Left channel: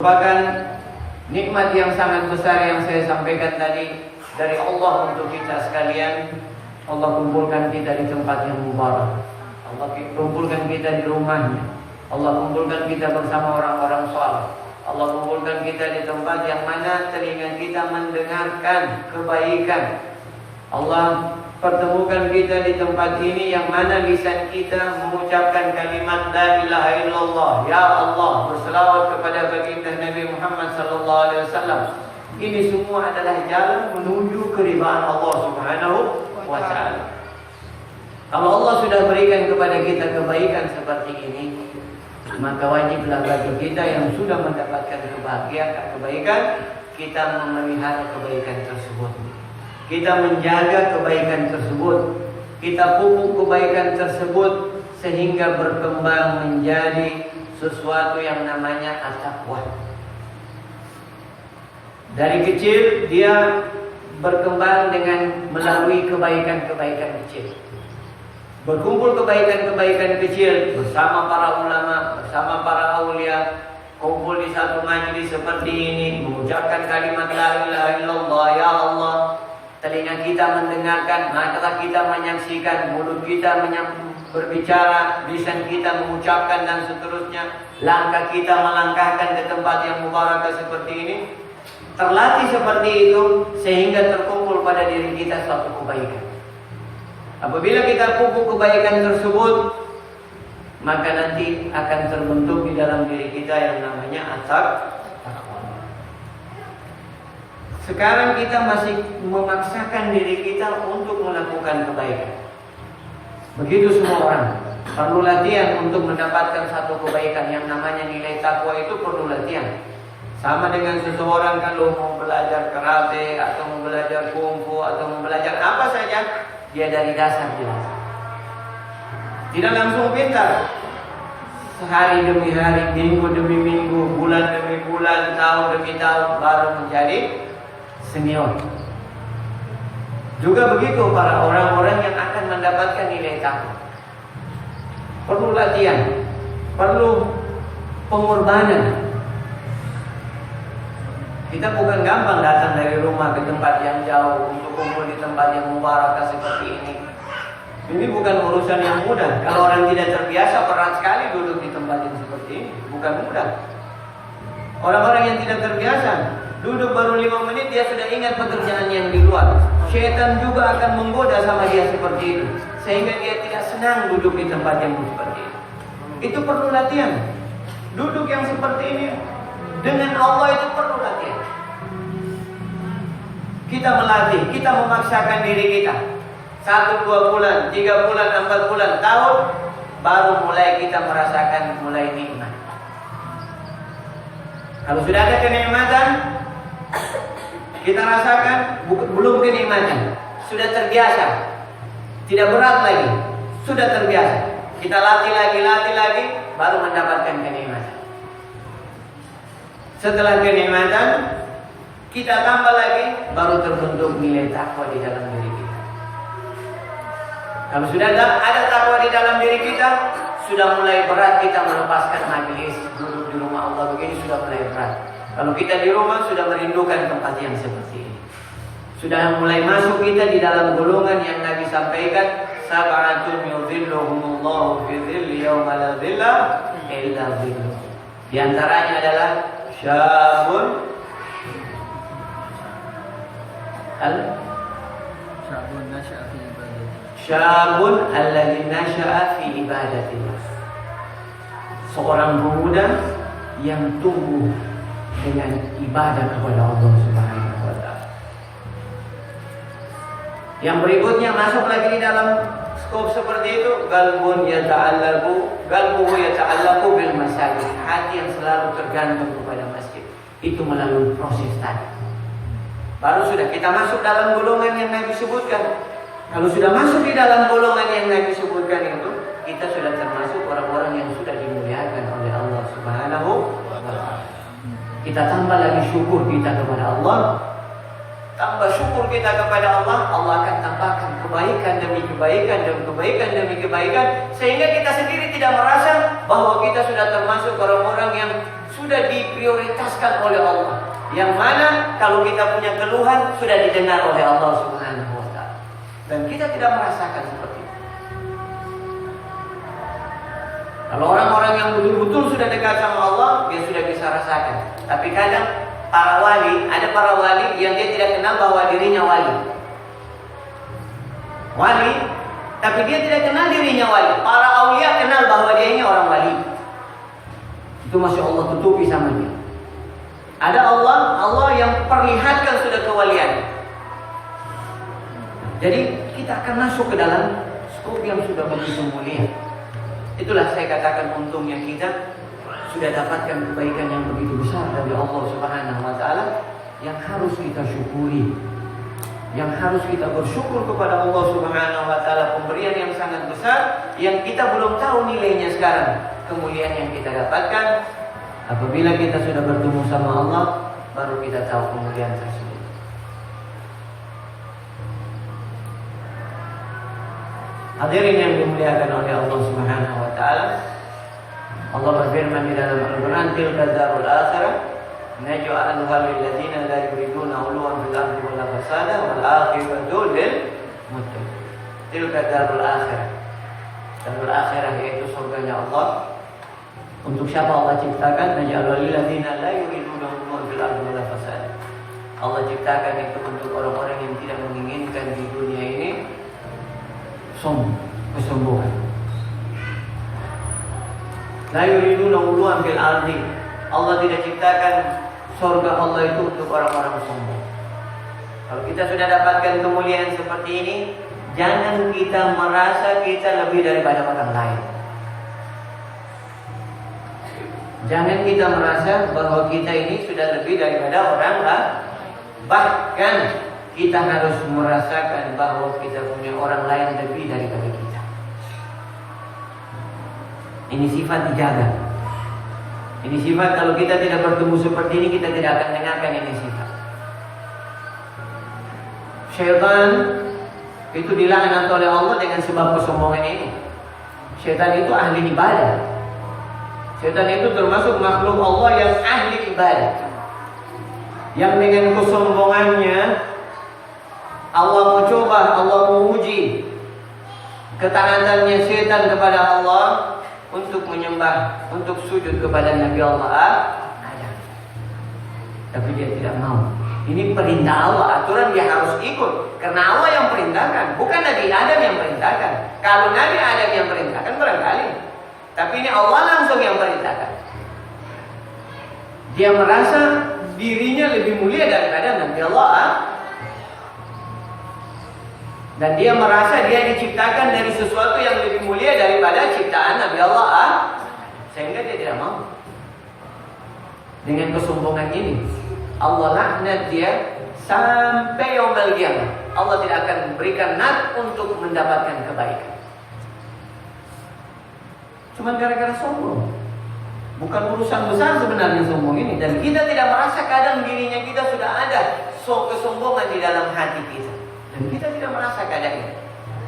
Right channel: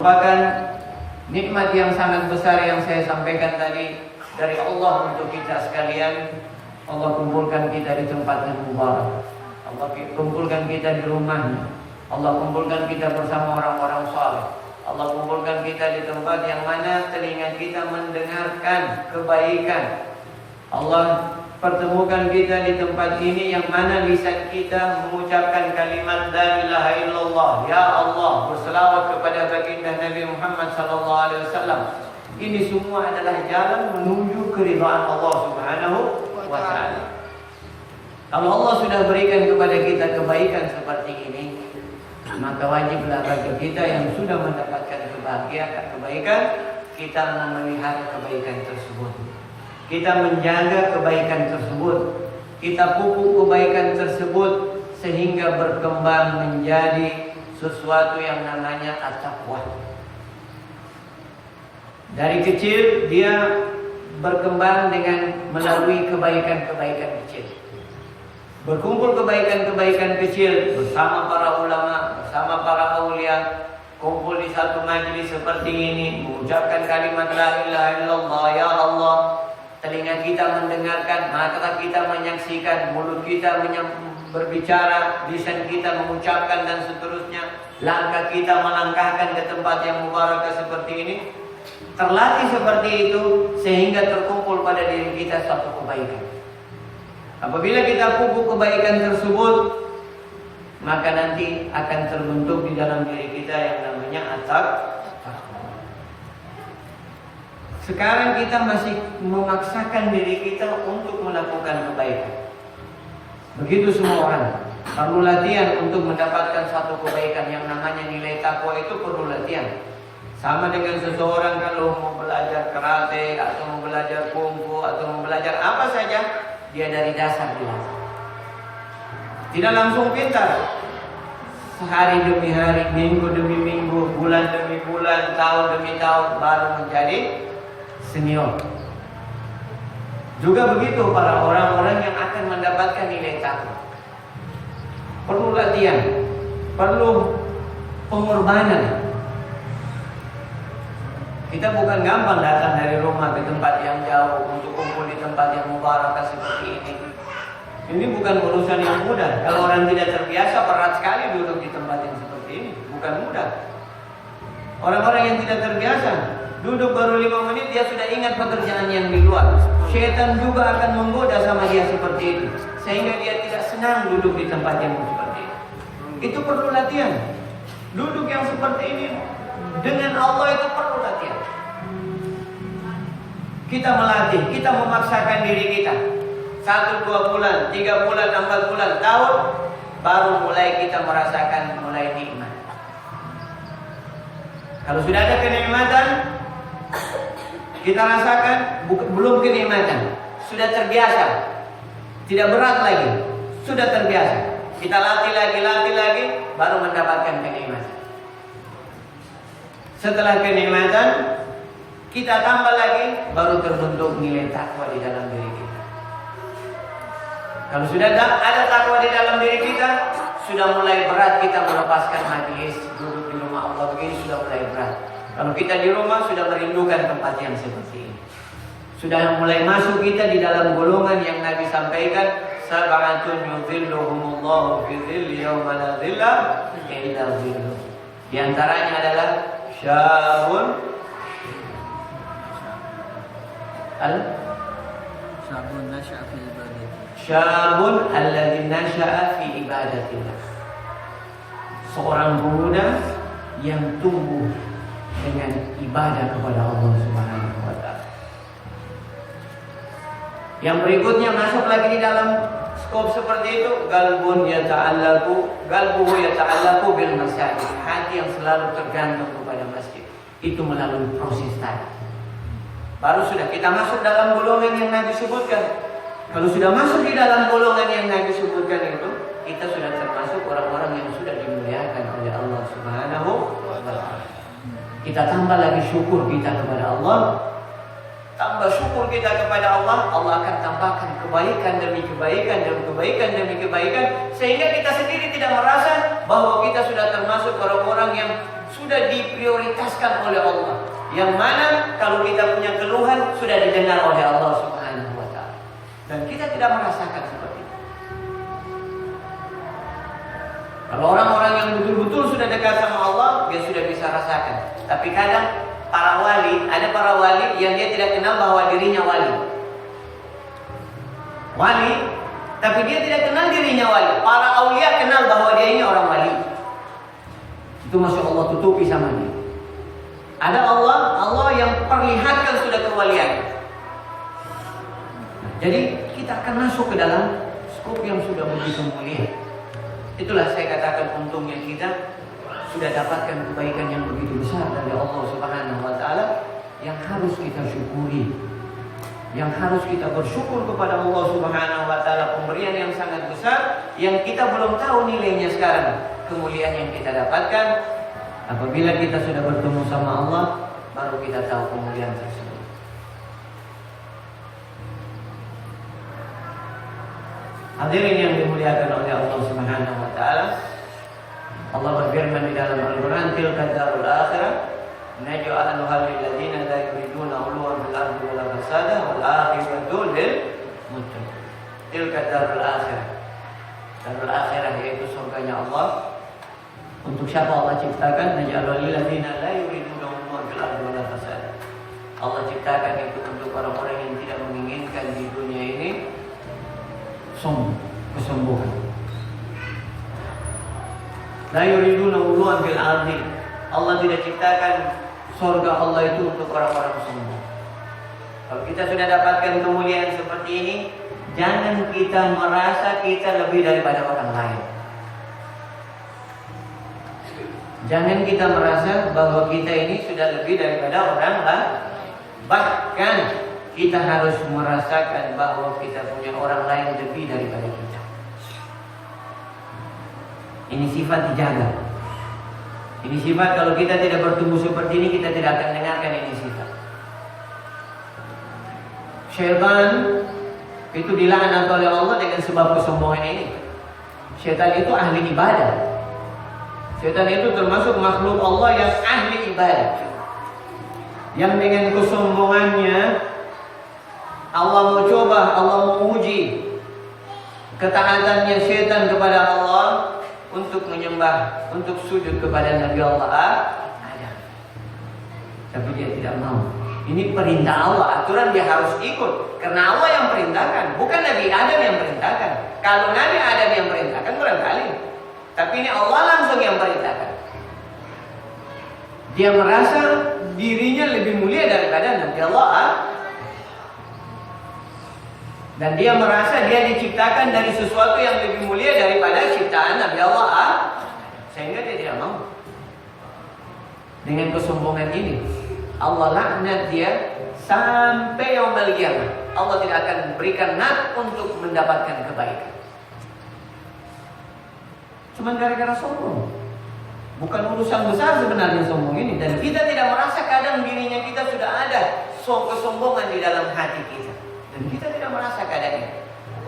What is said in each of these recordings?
Merupakan nikmat yang sangat besar yang saya sampaikan tadi dari Allah untuk kita sekalian. Allah kumpulkan kita di tempat yang mubarak. Allah kumpulkan kita di rumahnya. Allah kumpulkan kita bersama orang-orang saleh. Allah kumpulkan kita di tempat yang mana telinga kita mendengarkan kebaikan. Allah pertemukan kita di tempat ini yang mana lisan kita mengucapkan kalimat la ilaha illallah, ya Allah, berselawat kepada baginda Nabi Muhammad sallallahu alaihi wasallam. Ini semua adalah jalan menuju keridhaan Allah Subhanahu wa taala. Kalau Allah sudah berikan kepada kita kebaikan seperti ini, maka wajiblah bagi kita yang sudah mendapatkan kebaikan, kita memelihara kebaikan tersebut. Kita menjaga kebaikan tersebut, kita pupuk kebaikan tersebut sehingga berkembang menjadi sesuatu yang namanya at-taqwa. Dari kecil dia berkembang dengan melalui kebaikan-kebaikan kecil. Berkumpul kebaikan-kebaikan kecil bersama para ulama, bersama para aulia, kumpul di satu majelis seperti ini, mengucapkan kalimat la ilaha illallah, ya Allah. Telinga kita mendengarkan, mata kita menyaksikan, mulut kita berbicara, lisan kita mengucapkan dan seterusnya. Langkah kita melangkahkan ke tempat yang mubarak seperti ini. Terlatih seperti itu sehingga terkumpul pada diri kita suatu kebaikan. Apabila kita pupuk kebaikan tersebut, maka nanti akan terbentuk di dalam diri kita yang namanya at-taqwa. Sekarang kita masih memaksakan diri kita untuk melakukan kebaikan. Begitu semua orang perlu latihan untuk mendapatkan satu kebaikan. Yang namanya nilai takwa itu perlu latihan. Sama dengan seseorang kalau mau belajar karate atau mau belajar kungfu atau mau belajar apa saja, dia dari dasar jelas. Tidak langsung pintar. Sehari demi hari, minggu demi minggu, bulan demi bulan, tahun demi tahun baru menjadi senior. Juga begitu para orang-orang yang akan mendapatkan nilai takwa. Perlu latihan, perlu pengorbanan. Kita bukan gampang datang dari rumah ke tempat yang jauh untuk kumpul di tempat yang mubarak seperti ini. Ini bukan urusan yang mudah. Kalau orang tidak terbiasa, berat sekali duduk di tempat yang seperti ini. Bukan mudah. Orang-orang yang tidak terbiasa, duduk baru 5 menit dia sudah ingat pekerjaan yang di luar. Syaitan juga akan menggoda sama dia seperti itu, sehingga dia tidak senang duduk di tempat yang seperti itu. Itu perlu latihan. Duduk yang seperti ini dengan Allah itu perlu latihan. Kita melatih, kita memaksakan diri kita 1, 2 bulan, 3 bulan, 4 bulan, tahun, baru mulai kita merasakan mulai nikmat. Kalau sudah ada kenikmatan, kita rasakan belum kenikmatan, sudah terbiasa, tidak berat lagi, sudah terbiasa. Kita latih lagi, baru mendapatkan kenikmatan. Setelah kenikmatan, kita tambah lagi, baru terbentuk nilai takwa di dalam diri kita. Kalau sudah ada takwa di dalam diri kita, sudah mulai berat kita melepaskan majelis, duduk di rumah Allah begini sudah mulai berat. Kalau kita di rumah sudah merindukan tempat yang seperti ini. Sudah mulai masuk kita di dalam golongan yang Nabi sampaikan, sab'atun yudhilluhumullahu fi dhilli yawma la dhilla illa dhilluh. Di antaranya adalah syabun alladhi nasha'a fi ibadatillah. Seorang pemuda yang tumbuh dengan ibadah kepada Allah Subhanahu wa taala. Yang berikutnya masuk lagi di dalam skop seperti itu, qalbuhu yata'allaqu bil masajid. Hati yang selalu tergantung kepada masjid. Itu melalui proses tadi. Baru sudah kita masuk dalam golongan yang Nabi sebutkan. Kalau sudah masuk di dalam golongan yang Nabi sebutkan itu, kita sudah termasuk orang-orang yang sudah dimuliakan oleh Allah Subhanahu wa taala. Kita tambah lagi syukur kita kepada Allah. Tambah syukur kita kepada Allah, Allah akan tambahkan kebaikan demi kebaikan dan kebaikan demi kebaikan, sehingga kita sendiri tidak merasa bahwa kita sudah termasuk orang-orang yang sudah diprioritaskan oleh Allah. Yang mana kalau kita punya keluhan sudah didengar oleh Allah Subhanahu wa taala. Dan kita tidak merasakan seperti itu. Kalau orang-orang yang betul-betul sudah dekat sama Allah, dia sudah bisa rasakan. Tapi kadang para wali, ada para wali yang dia tidak kenal bahwa dirinya wali. Wali, tapi dia tidak kenal dirinya wali. Para aulia kenal bahwa dia ini orang wali. Itu masih Allah tutupi sama dia. Ada Allah yang perlihatkan sudah kewalian. Jadi kita akan masuk ke dalam skop yang sudah begitu mulia. Itulah saya katakan untungnya kita sudah dapatkan kebaikan yang begitu besar dari Allah Subhanahu wa taala yang harus kita syukuri. Yang harus kita bersyukur kepada Allah Subhanahu wa taala, pemberian yang sangat besar yang kita belum tahu nilainya sekarang. Kemuliaan yang kita dapatkan apabila kita sudah bertemu sama Allah, baru kita tahu kemuliaan tersebut. Hadirin yang dimuliakan oleh Allah Subhanahu wa taala, Allah berfirman di dalam Al-Qur'an, "Tilka darul akhirah naj'aluha lil ladzina la yuriduna 'uluwan fil ardi wala fasada wal aqibatu lil muttaqin." Tilka darul akhirah. Darul akhirah yaitu surganya Allah. Untuk siapa Allah ciptakan? Naj'aluha lil ladzina la yuriduna 'uluwan fil ardi wala fasada. Allah ciptakan itu untuk orang-orang yang tidak menginginkan di dunia ini kesombongan. La yuriduna 'uluwan fil ardi. Allah tidak ciptakan surga Allah itu untuk orang-orang sombong. Kalau kita sudah dapatkan kemuliaan seperti ini, jangan kita merasa kita lebih daripada orang lain. Jangan kita merasa bahwa kita ini sudah lebih daripada orang lain. Bahkan kita harus merasakan bahwa kita punya orang lain lebih daripada kita. Ini sifat dijaga. Ini sifat kalau kita tidak bertemu seperti ini, kita tidak akan dengarkan ini sifat. Syaitan itu dilaknat oleh Allah dengan sebab kesombongan ini. Syaitan itu ahli ibadah. Syaitan itu termasuk makhluk Allah yang ahli ibadah. Yang dengan kesombongannya Allah mau coba, Allah mau uji ketaatannya syaitan kepada Allah untuk menyembah, untuk sujud kepada Nabi Allah Adam. Tapi dia tidak mau. Ini perintah Allah, aturan dia harus ikut. Karena Allah yang perintahkan, bukan Nabi Adam yang perintahkan. Kalau Nabi Adam yang perintahkan barangkali, tapi ini Allah langsung yang perintahkan. Dia merasa dirinya lebih mulia daripada Nabi Allah. Dan dia merasa dia diciptakan dari sesuatu yang lebih mulia daripada ciptaan Nabi Allah. Sehingga dia tidak mau. Dengan kesombongan ini, Allah laknat dia sampai yaumul qiyamah. Allah tidak akan berikan nat untuk mendapatkan kebaikan. Cuma gara-gara sombong. Bukan urusan besar sebenarnya sombong ini. Dan kita tidak merasa kadang dirinya kita sudah ada kesombongan di dalam hati kita. Dan kita tidak merasa keadaan ini.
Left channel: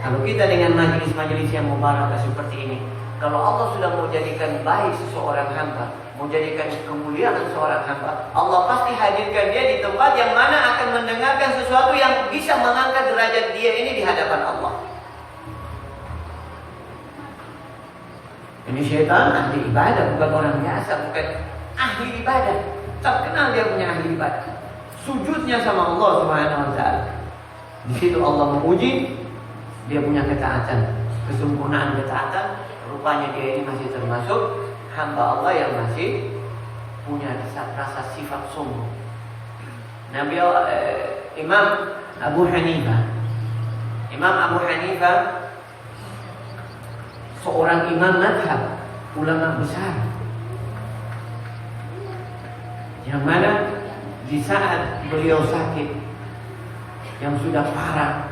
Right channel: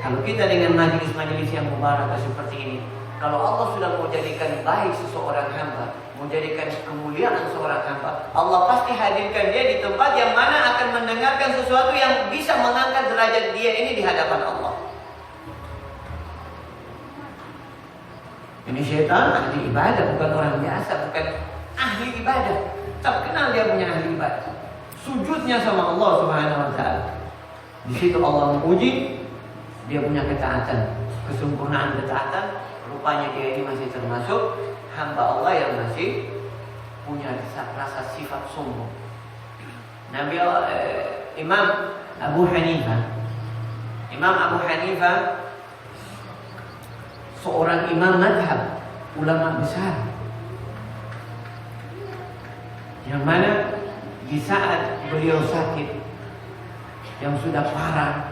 Kalau kita dengan majelis-majelis yang mubarakah seperti ini, kalau Allah sudah mau jadikan baik seseorang hamba, mau jadikan kemuliaan seorang hamba, Allah pasti hadirkan dia di tempat yang mana akan mendengarkan sesuatu yang bisa mengangkat derajat dia ini di hadapan Allah. Ini syaitan ahli ibadah, bukan orang biasa, bukan ahli ibadah. Terkenal dia punya ahli ibadah. Sujudnya sama Allah Subhanahu wa taala. Di situ Allah menguji dia punya ketaatan, kesempurnaan ketaatan. Rupanya dia ini masih termasuk hamba Allah yang masih punya rasa sifat sombong. Imam Abu Hanifah seorang imam madhab, ulama besar, yang mana di saat beliau sakit yang sudah parah,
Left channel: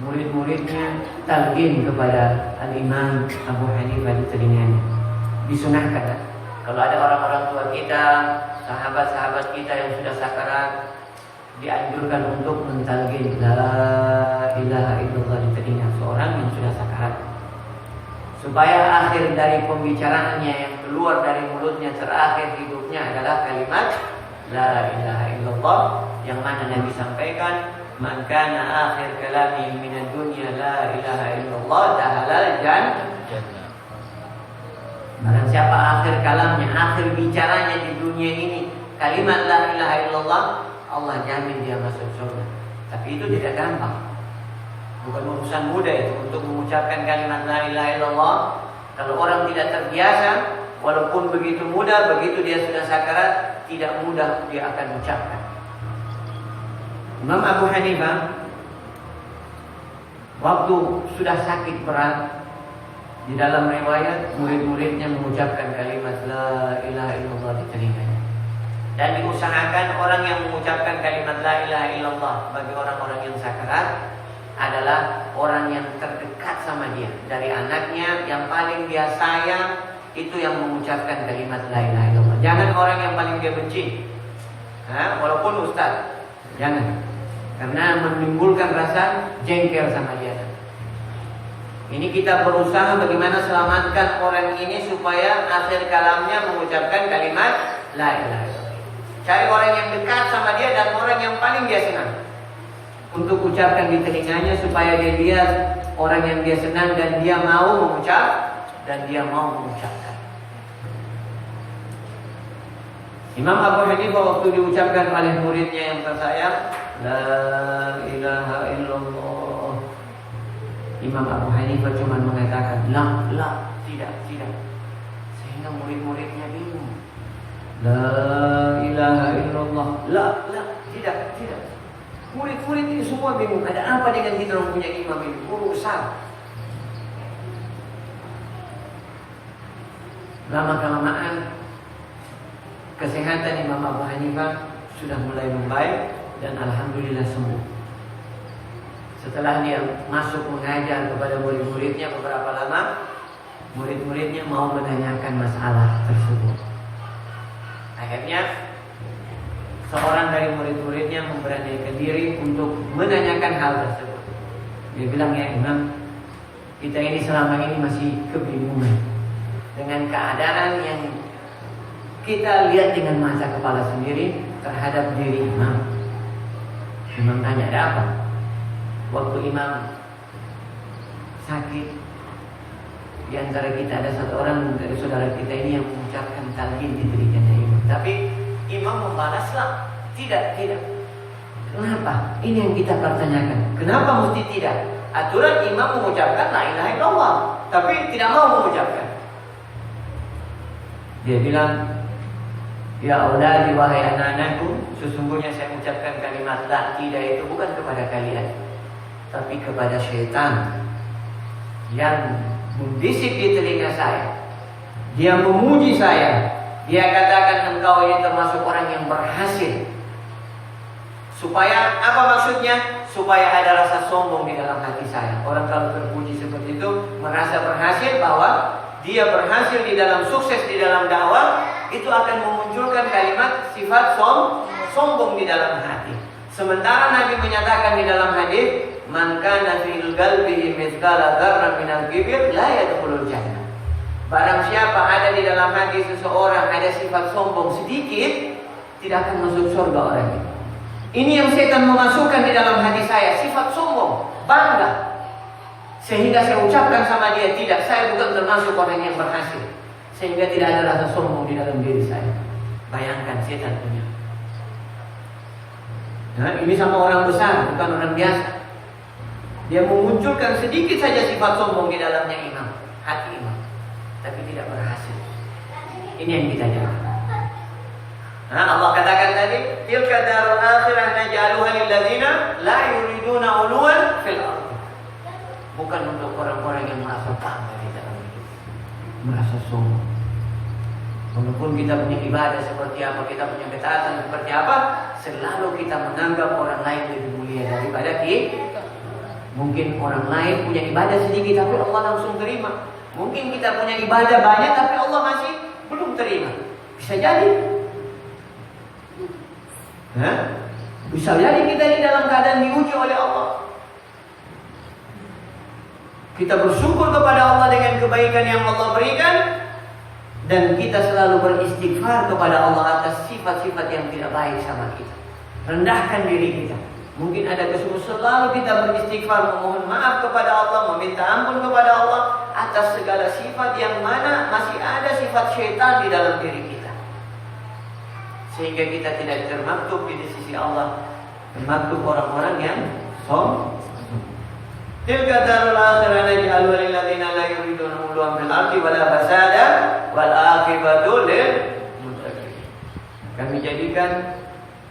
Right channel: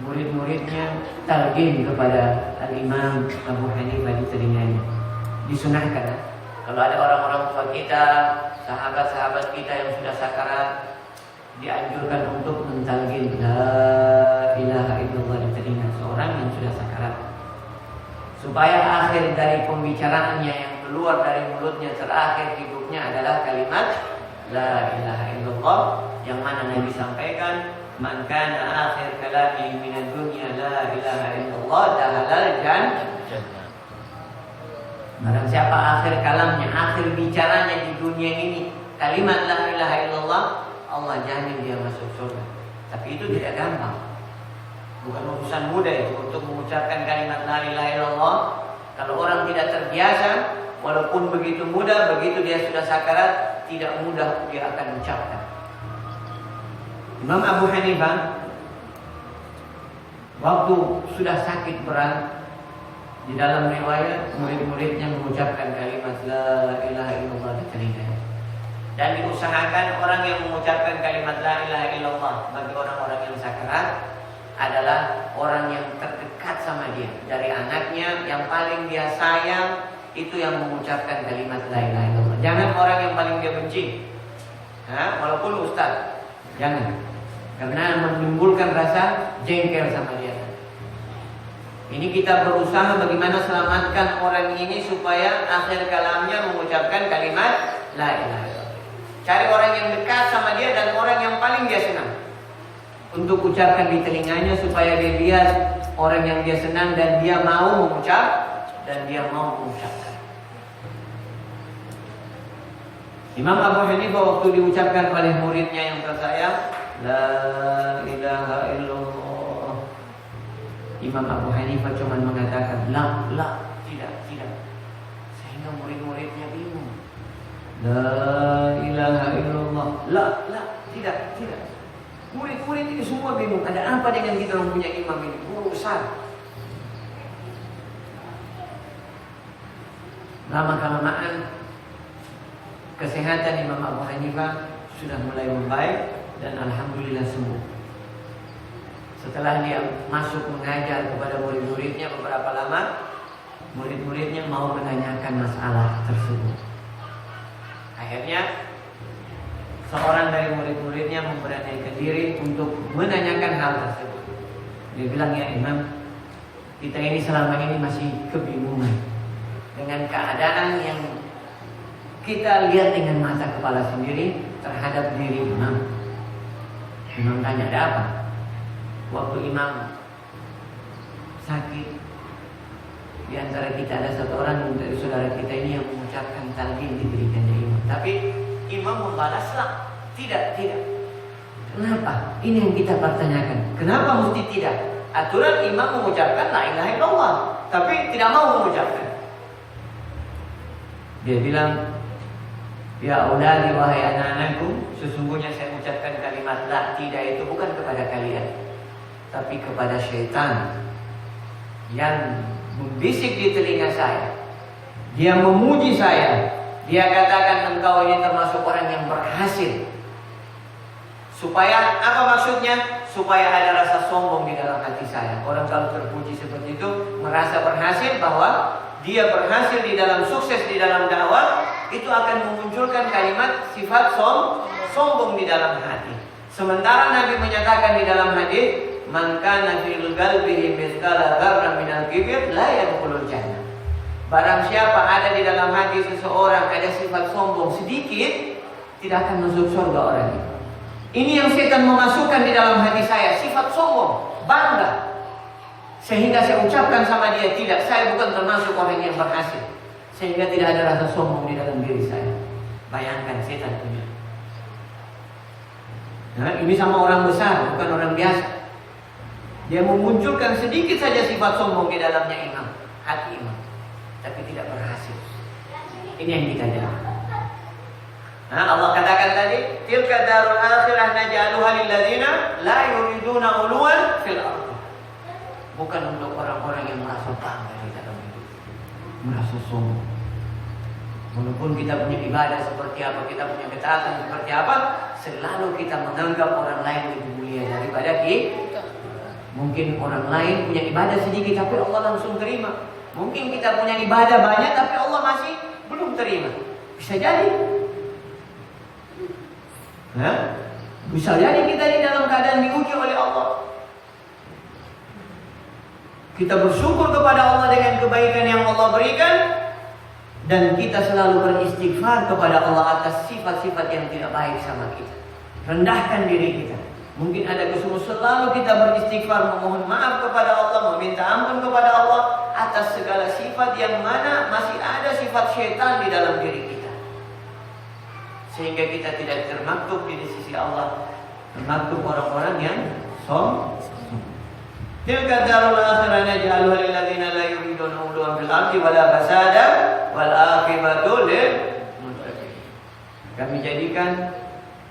murid-muridnya talqin kepada Al-Imam Abu Hanifah di telinganya. Disunahkan kalau ada orang-orang tua kita, sahabat-sahabat kita yang sudah sakarat, dianjurkan untuk mentalqin la ilaha illallah di telinga seorang yang sudah sakarat. supaya akhir dari pembicaraannya yang keluar dari mulutnya terakhir hidupnya adalah kalimat la ilaha illallah, yang mana Nabi sampaikan, man kana akhir kalami minad dunya la ilaha illallah dakhalal jannah. Barang siapa akhir kalamnya, akhir bicaranya di dunia ini kalimat la ilaha illallah, Allah jamin dia masuk surga. Tapi itu tidak gampang. Bukan urusan mudah itu untuk mengucapkan kalimat la ilaha illallah. Kalau orang tidak terbiasa, walaupun begitu mudah, begitu dia sudah sakarat, tidak mudah dia akan ucapkan. Imam Abu Hanifah waktu sudah sakit berat, di dalam riwayat murid-muridnya mengucapkan kalimat la ilaha illallah di telinganya. Dan diusahakan orang yang mengucapkan kalimat la ilaha illallah bagi orang-orang yang sakarat adalah orang yang terdekat sama dia. Dari anaknya yang paling dia sayang, itu yang mengucapkan kalimat la ilaha illallah. Jangan orang yang paling dia benci, walaupun ustaz, jangan, karena menimbulkan rasa jengkel sama dia. Ini kita berusaha bagaimana selamatkan orang ini supaya akhir kalamnya mengucapkan kalimat la ilaha illallah. Cari orang yang dekat sama dia dan orang yang paling dia senang untuk ucapkan di telinganya, supaya dia lihat orang yang dia senang dan dia mau mengucapkan. Imam Abu Hanifah waktu diucapkan oleh muridnya yang tersayang la ilaha illallah, Imam Abu Hanifah cuma mengatakan la, tidak, sehingga murid-muridnya bingung. La ilaha illallah, la, tidak. Murid-murid ini semua bingung, ada apa dengan kita yang punya imam ini? Guru besar. Lama-kelamaan kesehatan Imam Abu Hanifah sudah mulai membaik dan alhamdulillah sembuh. Setelah dia masuk mengajar kepada murid-muridnya beberapa lama, murid-muridnya mau menanyakan masalah tersebut. Akhirnya seorang dari murid-muridnya memberanikan diri untuk menanyakan hal tersebut. Dia bilang, ya Imam, kita ini selama ini masih kebingungan dengan keadaan yang kita lihat dengan mata kepala sendiri terhadap diri Imam. Imam tanya, ada apa? Waktu Imam sakit, di antara kita ada satu orang dari saudara kita ini yang mengucapkan talqin di telinganya Imam. Tapi Imam membalaslah, tidak. Kenapa? Ini yang kita pertanyakan. Kenapa mesti tidak? Aturan Imam mengucapkan la ilaha illallah, tapi tidak mau mengucapkan. Dia bilang, ya auladi wahai anak-anakku, sesungguhnya saya mengucapkan kalimat la tidak itu bukan kepada kalian, tapi kepada syaitan yang membisik di telinga saya. Dia memuji saya. Dia katakan engkau ini termasuk orang yang berhasil. Supaya apa maksudnya? Supaya ada rasa sombong di dalam hati saya. Orang kalau terpuji seperti itu merasa berhasil, bahwa dia berhasil di dalam sukses di dalam dakwah, itu akan memunculkan kalimat sifat sombong di dalam hati. Sementara Nabi menyatakan di dalam hadis, man kana fil qalbihi mithqala dzarratin minal kibr la yadkhulul jannah. Barang siapa ada di dalam hati seseorang ada sifat sombong sedikit, tidak akan masuk surga orang itu. Ini yang setan memasukkan di dalam hati saya, sifat sombong, bangga. Sehingga saya ucapkan sama dia, tidak, saya bukan termasuk orang yang berhasil. Sehingga tidak ada rasa sombong di dalam diri saya. Bayangkan setan punya. Nah, ini sama orang besar, bukan orang biasa. Dia memunculkan sedikit saja sifat sombong di dalamnya imam, hati imam, tapi tidak berhasil. Ini yang kita jaga. Nah, Allah katakan tadi, tilka darul akhirah naj'aluha lil ladzina la yuriduna 'uluwan fil ardh. Bukan untuk orang-orang yang merasa bangga di dalam hidup, merasa sombong. Walaupun kita punya ibadah seperti apa, kita punya ketaatan seperti apa, selalu kita menganggap orang lain lebih mulia daripada kita. Mungkin orang lain punya ibadah sedikit tapi Allah langsung terima. Mungkin kita punya ibadah banyak tapi Allah masih belum terima. Bisa jadi. Bisa jadi kita ini dalam keadaan diuji oleh Allah. Kita bersyukur kepada Allah dengan kebaikan yang Allah berikan, dan kita selalu beristighfar kepada Allah atas sifat-sifat yang tidak baik sama kita. Rendahkan diri kita. Mungkin ada kesungguhan, selalu kita beristighfar, memohon maaf kepada Allah, meminta ampun kepada Allah atas segala sifat yang mana masih ada sifat syaitan di dalam diri kita, sehingga kita tidak termaktub di sisi Allah, termaktub orang-orang yang sombong. Tilka darul akhirah naj'aluha lil ladzina la yuriduna 'uluwan fil ardi wala fasada wal aqibatu lil muttaqin. Kami jadikan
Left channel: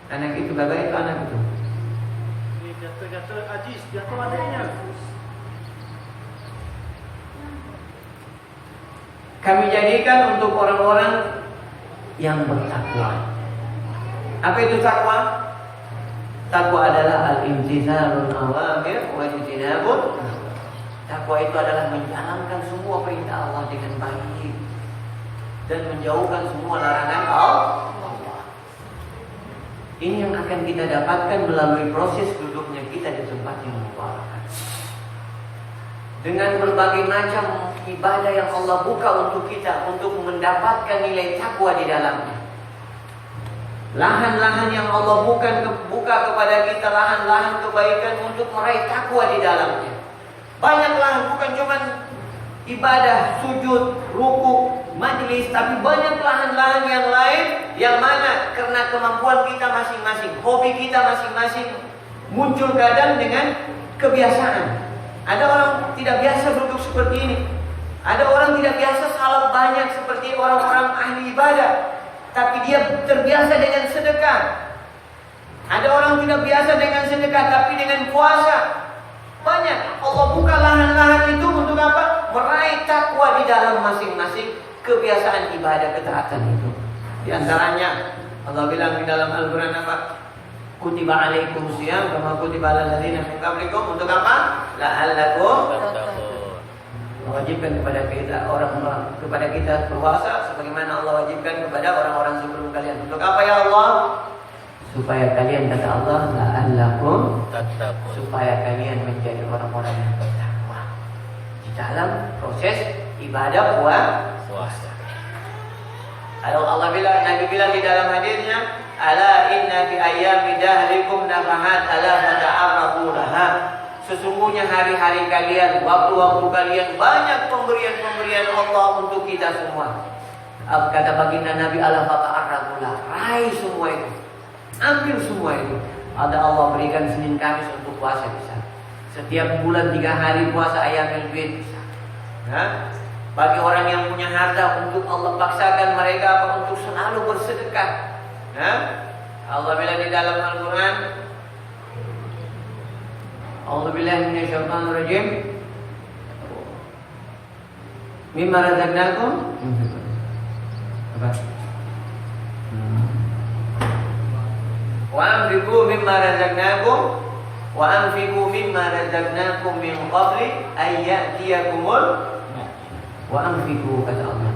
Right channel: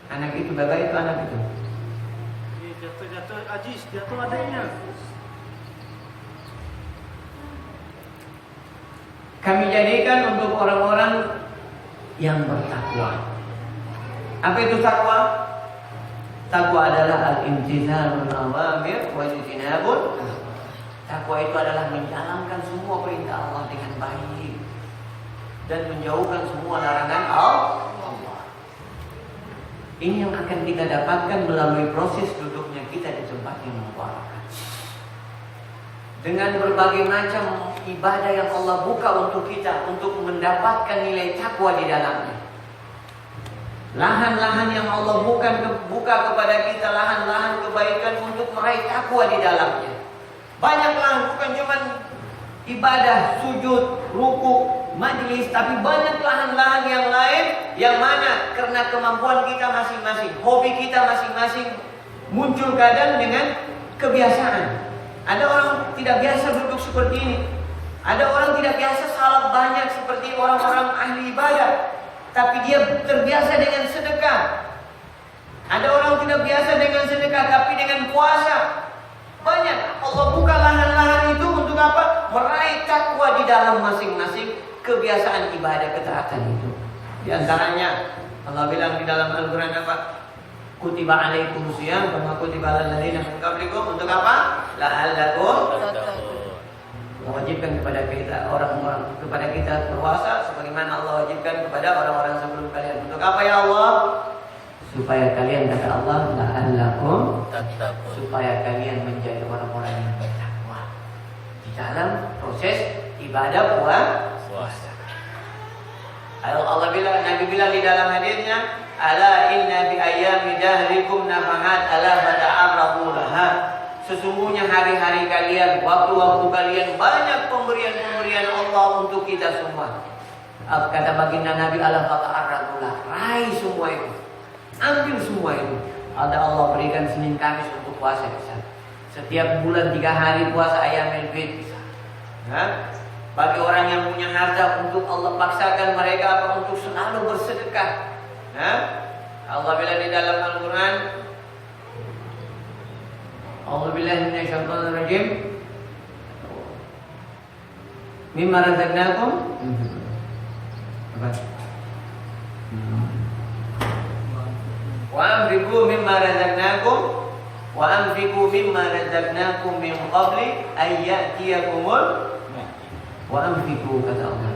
anak itu, bapak itu anak itu. Jatuh ajis, jatuh adanya. Kami jadikan untuk orang-orang yang bertakwa. Apa itu takwa? Takwa adalah al-imtithalul awamir wa ijtinabun. Takwa itu adalah menjalankan semua perintah Allah dengan baik dan menjauhkan semua larangan Allah. Ini yang akan kita dapatkan melalui proses duduknya kita di tempat yang mubarak. Dengan berbagai macam ibadah yang Allah buka untuk kita untuk mendapatkan nilai takwa di dalamnya. Lahan-lahan yang Allah buka kepada kita, lahan-lahan kebaikan untuk meraih takwa di dalamnya. Banyak lahan, bukan cuma ibadah, sujud, ruku, majlis, tapi banyak lahan-lahan yang lain yang mana karena kemampuan kita masing-masing, hobi kita masing-masing muncul kadang dengan kebiasaan. Ada orang tidak biasa duduk seperti ini. Ada orang tidak biasa salat banyak seperti orang-orang ahli ibadah, tapi dia terbiasa dengan sedekah. Ada orang tidak biasa dengan sedekah, tapi dengan puasa. Banyak. Allah buka lahan-lahan itu untuk apa? Meraih takwa di dalam masing-masing kebiasaan ibadah ketaatan itu. Di antaranya Allah bilang di dalam Al-Quran apa? Kutiba alaikum siyam kama kutiba alal ladzina min qablikum. Untuk apa? La'allakum tattaqun. Allah wajibkan kepada kita orang-orang, kepada kita puasa sebagaimana Allah wajibkan kepada orang-orang sebelum kalian. Untuk apa ya Allah? Supaya kalian, kata Allah, la'allakum tattaqun, supaya kalian menjadi orang-orang yang bertakwa di dalam proses ibadah puasa. Allah bilang, Nabi bilang di dalam hadisnya, ala inna fi ayyami dahrikum nafahat ala fata'arrafu laha. Sesungguhnya hari-hari kalian, waktu-waktu kalian banyak pemberian-pemberian Allah untuk kita semua. Kata baginda Nabi, ala fata'arrafu laha, raih semua itu, ambil semua itu. Ada Allah berikan Senin Kamis untuk puasa bisa. Setiap bulan 3 hari puasa Ayyamul Bid bisa. Bagi orang yang punya harta, untuk Allah paksakan mereka apa? Untuk selalu bersedekah. Allah bilang di dalam Al-Quran, A'udzubillahi minasyaitonir rajim, mimma razaqnakum wa anfiqu mimma razaqnakum wa anfiqu mimma razaqnakum min qabli ay ya'tiyakumul wa anfiqu, kata Allah.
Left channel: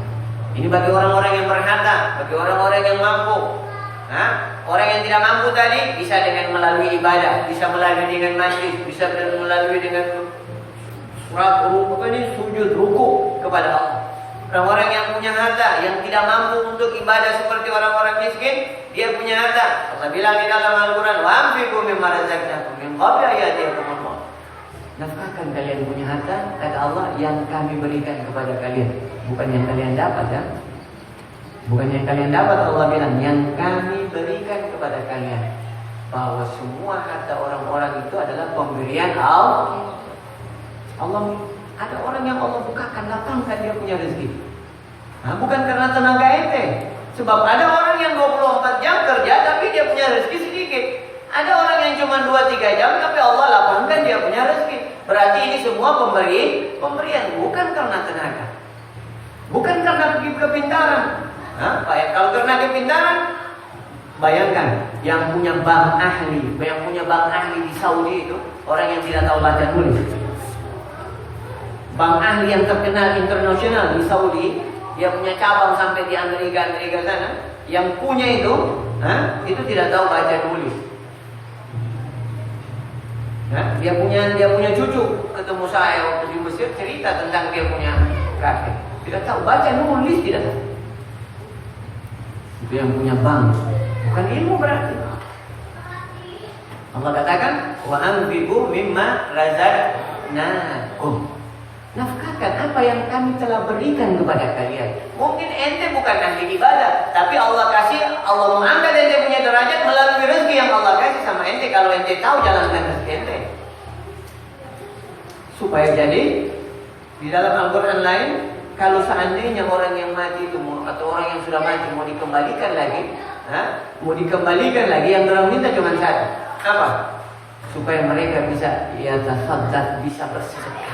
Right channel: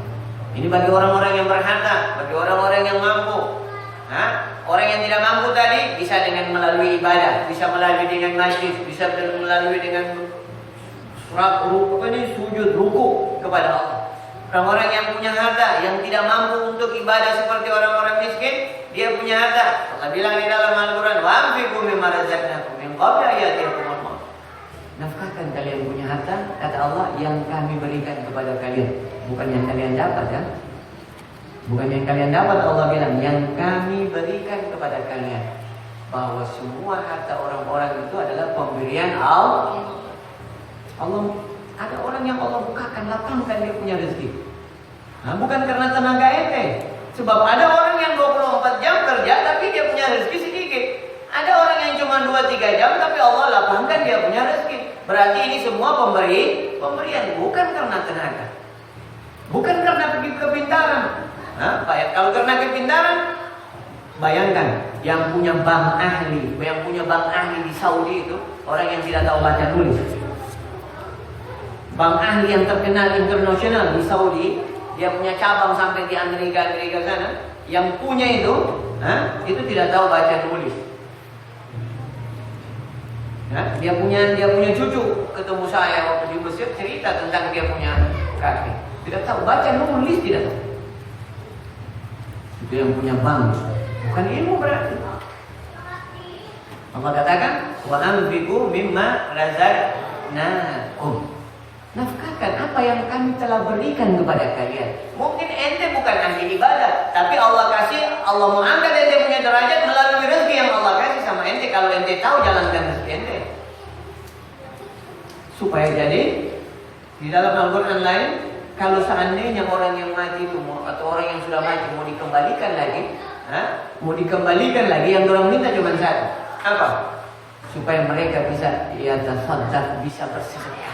Ini bagi orang-orang yang berharta, bagi orang-orang yang mampu. Orang yang tidak mampu tadi bisa dengan melalui ibadah, bisa melalui dengan majlis, bisa melalui dengan sujud, ruku kepada Allah. Orang-orang yang punya harta, yang tidak mampu untuk ibadah seperti orang-orang miskin, dia punya harta. Allah bilang di dalam Al-Quran, wa anfiqu mimma razaqnakum min qabli an ya'tiyakumul maut. Nafkahkan kalian punya harta, kata Allah, yang kami berikan kepada kalian, bukan yang kalian dapat ya. Bukan yang kalian dapat, Allah bilang yang kami berikan kepada kalian. Bahwa semua harta orang-orang itu adalah pemberian Allah. Ada orang yang Allah bukakan, lapangkan dia punya rezeki. Bukan karena tenaga ente. Sebab ada orang yang 24 jam kerja tapi dia punya rezeki sedikit. Ada orang yang cuma 2-3 jam tapi Allah lapangkan dia punya rezeki. Berarti ini semua pemberian, bukan karena tenaga. Bukan karena kepintaran. Kalau karena kepintaran, bayangkan yang punya bank ahli di Saudi itu orang yang tidak tahu baca tulis. Bank ahli yang terkenal internasional di Saudi, dia punya cabang sampai di Amerika sana. Yang punya itu tidak tahu baca tulis. Nah, dia punya cucu ketemu saya waktu di Mesir, cerita tentang dia punya kakek. Tidak tahu baca nulis, tidak tahu. Itu yang punya bank, bukan ilmu berarti. Allah katakan, wa anfiqu mimma razaqnakum. Nafkahkan apa yang kami telah berikan kepada kalian. Mungkin ente bukan ahli ibadah, tapi Allah mau angkat ente punya derajat melalui rezeki yang Allah kasih sama ente. Kalau ente tahu jalankan rezeki ente. Supaya jadi di dalam Al-Quran lain, kalau seandainya orang yang mati itu atau orang yang sudah mati mau dikembalikan lagi, yang orang minta cuma satu, apa? Supaya mereka bisa tasaddaq, bisa bersedekah.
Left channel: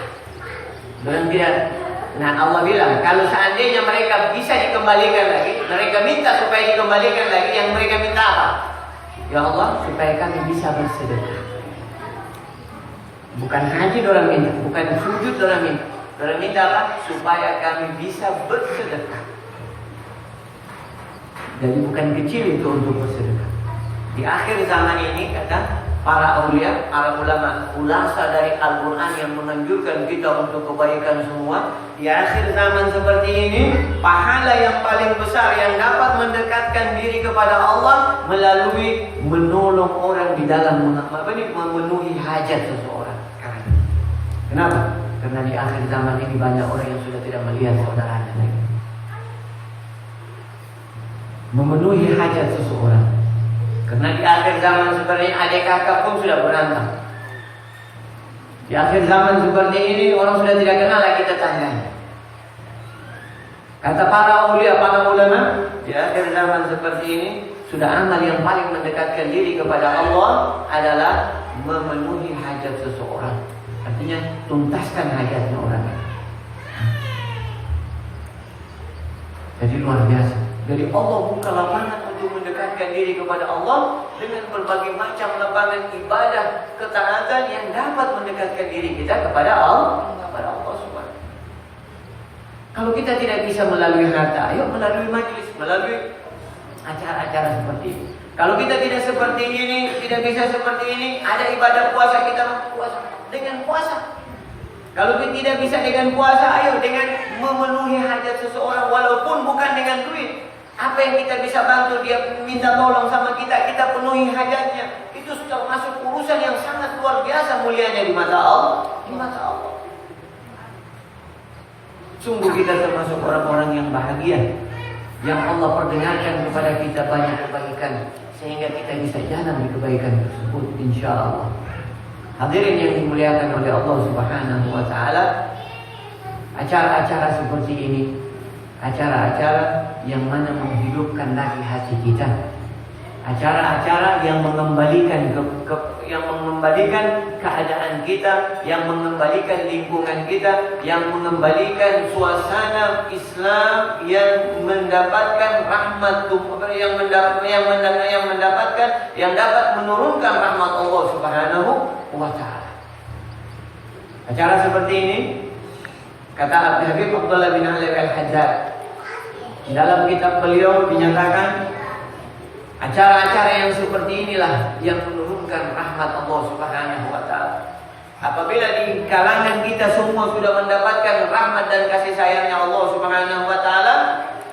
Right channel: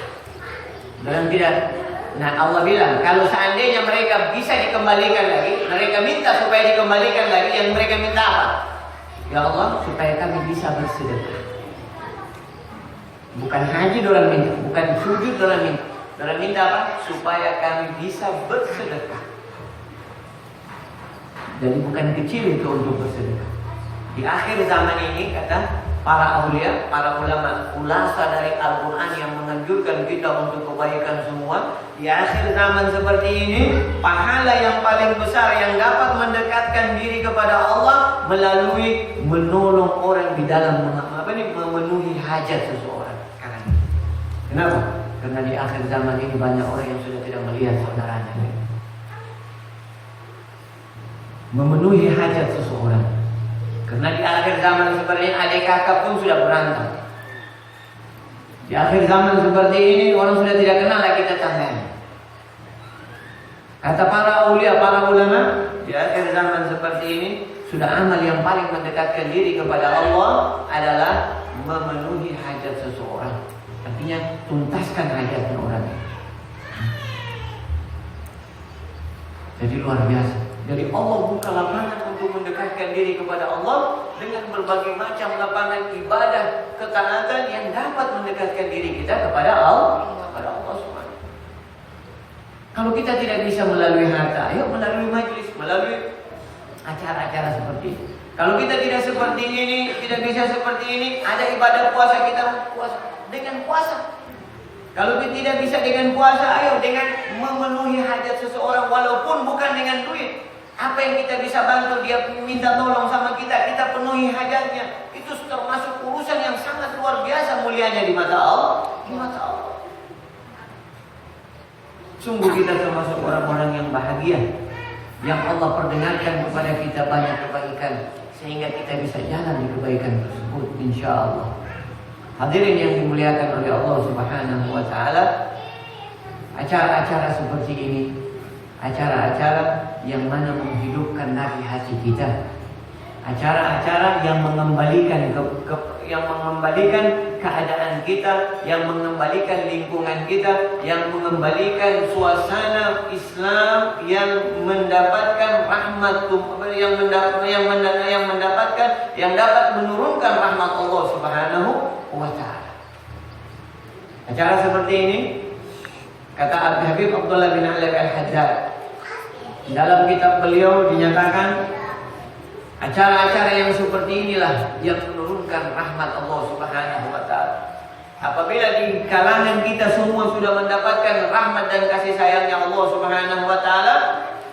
Orang tidak. Nah, Allah bilang kalau seandainya mereka bisa dikembalikan lagi, mereka minta supaya dikembalikan lagi, yang mereka minta apa? Ya Allah, supaya kami bisa bersedekah. Bukan haji orang minta, bukan sujud orang minta. Orang minta apa? Supaya kami bisa bersedekah. Jadi bukan kecil itu untuk bersedekah. Di akhir zaman ini kata para aulia, para ulama, khulasa dari Al-Quran yang menganjurkan kita untuk kebaikan semua. Di akhir zaman seperti ini, pahala yang paling besar yang dapat mendekatkan diri kepada Allah melalui menolong orang di dalam memenuhi hajat seseorang. Kenapa? Karena di akhir zaman ini banyak orang yang sudah tidak melihat saudaranya lagi. Memenuhi hajat seseorang. Karena di akhir zaman sebenarnya adik kakak pun sudah berantem. Di akhir zaman seperti ini orang sudah tidak kenal lagi tetangganya. Kata para aulia, para ulama, di akhir zaman seperti ini sudah amal yang paling mendekatkan diri kepada Allah adalah memenuhi hajat seseorang. Artinya tuntaskan hajatnya orang. Jadi luar biasa. Jadi Allah buka lapangan untuk mendekatkan diri kepada Allah dengan berbagai macam lapangan ibadah, ketaatan yang dapat mendekatkan diri kita kepada Allah. Kalau kita tidak bisa melalui harta, ayo melalui majlis, melalui acara-acara seperti ini. Kalau kita tidak seperti ini, tidak bisa seperti ini, ada ibadah puasa, kita puasa dengan puasa. Kalau kita tidak bisa dengan puasa, ayo dengan memenuhi hajat seseorang walaupun bukan dengan duit. Apa yang kita bisa bantu, dia minta tolong sama kita, kita penuhi hajatnya. Itu termasuk urusan yang sangat luar biasa mulianya di mata Allah. Di mata Allah. Sungguh kita termasuk orang-orang yang bahagia, yang Allah perdengarkan kepada kita banyak kebaikan, sehingga kita bisa jalan di kebaikan tersebut, insya Allah. Hadirin yang dimuliakan oleh Allah Subhanahu wa Ta'ala, acara-acara seperti ini, acara-acara yang mana menghidupkan lagi hati kita, acara-acara yang mengembalikan yang mengembalikan keadaan kita, yang mengembalikan lingkungan kita, yang mengembalikan suasana Islam, yang mendapatkan rahmat, yang dapat menurunkan rahmat Allah Subhanahu wa Ta'ala. Acara seperti ini, kata Habib Abdullah bin Ali Al-Haddad, dalam kitab beliau dinyatakan acara-acara yang seperti inilah yang menurunkan rahmat Allah Subhanahu wa Ta'ala. Apabila di kalangan kita semua sudah mendapatkan rahmat dan kasih sayangnya Allah Subhanahu wa Ta'ala,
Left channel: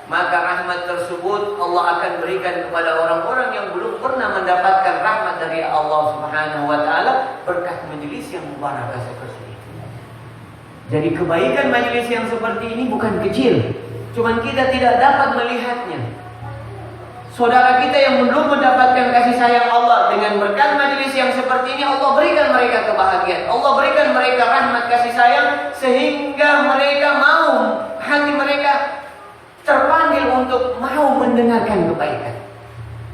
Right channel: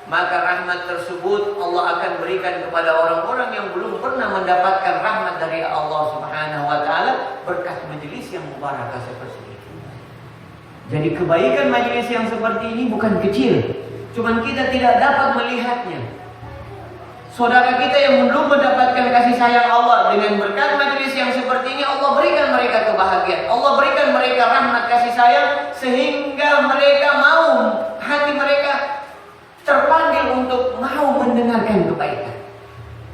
maka rahmat tersebut Allah akan berikan kepada orang-orang yang belum pernah mendapatkan rahmat dari Allah Subhanahu wa Ta'ala berkat majelis yang mubarakah seperti ini. Jadi kebaikan majelis yang seperti ini bukan kecil, cuman kita tidak dapat melihatnya. Saudara kita yang belum mendapatkan kasih sayang Allah, dengan berkat majelis yang seperti ini Allah berikan mereka kebahagiaan, Allah berikan mereka rahmat kasih sayang, sehingga mereka mau, hati mereka terpanggil untuk mau mendengarkan kebaikan.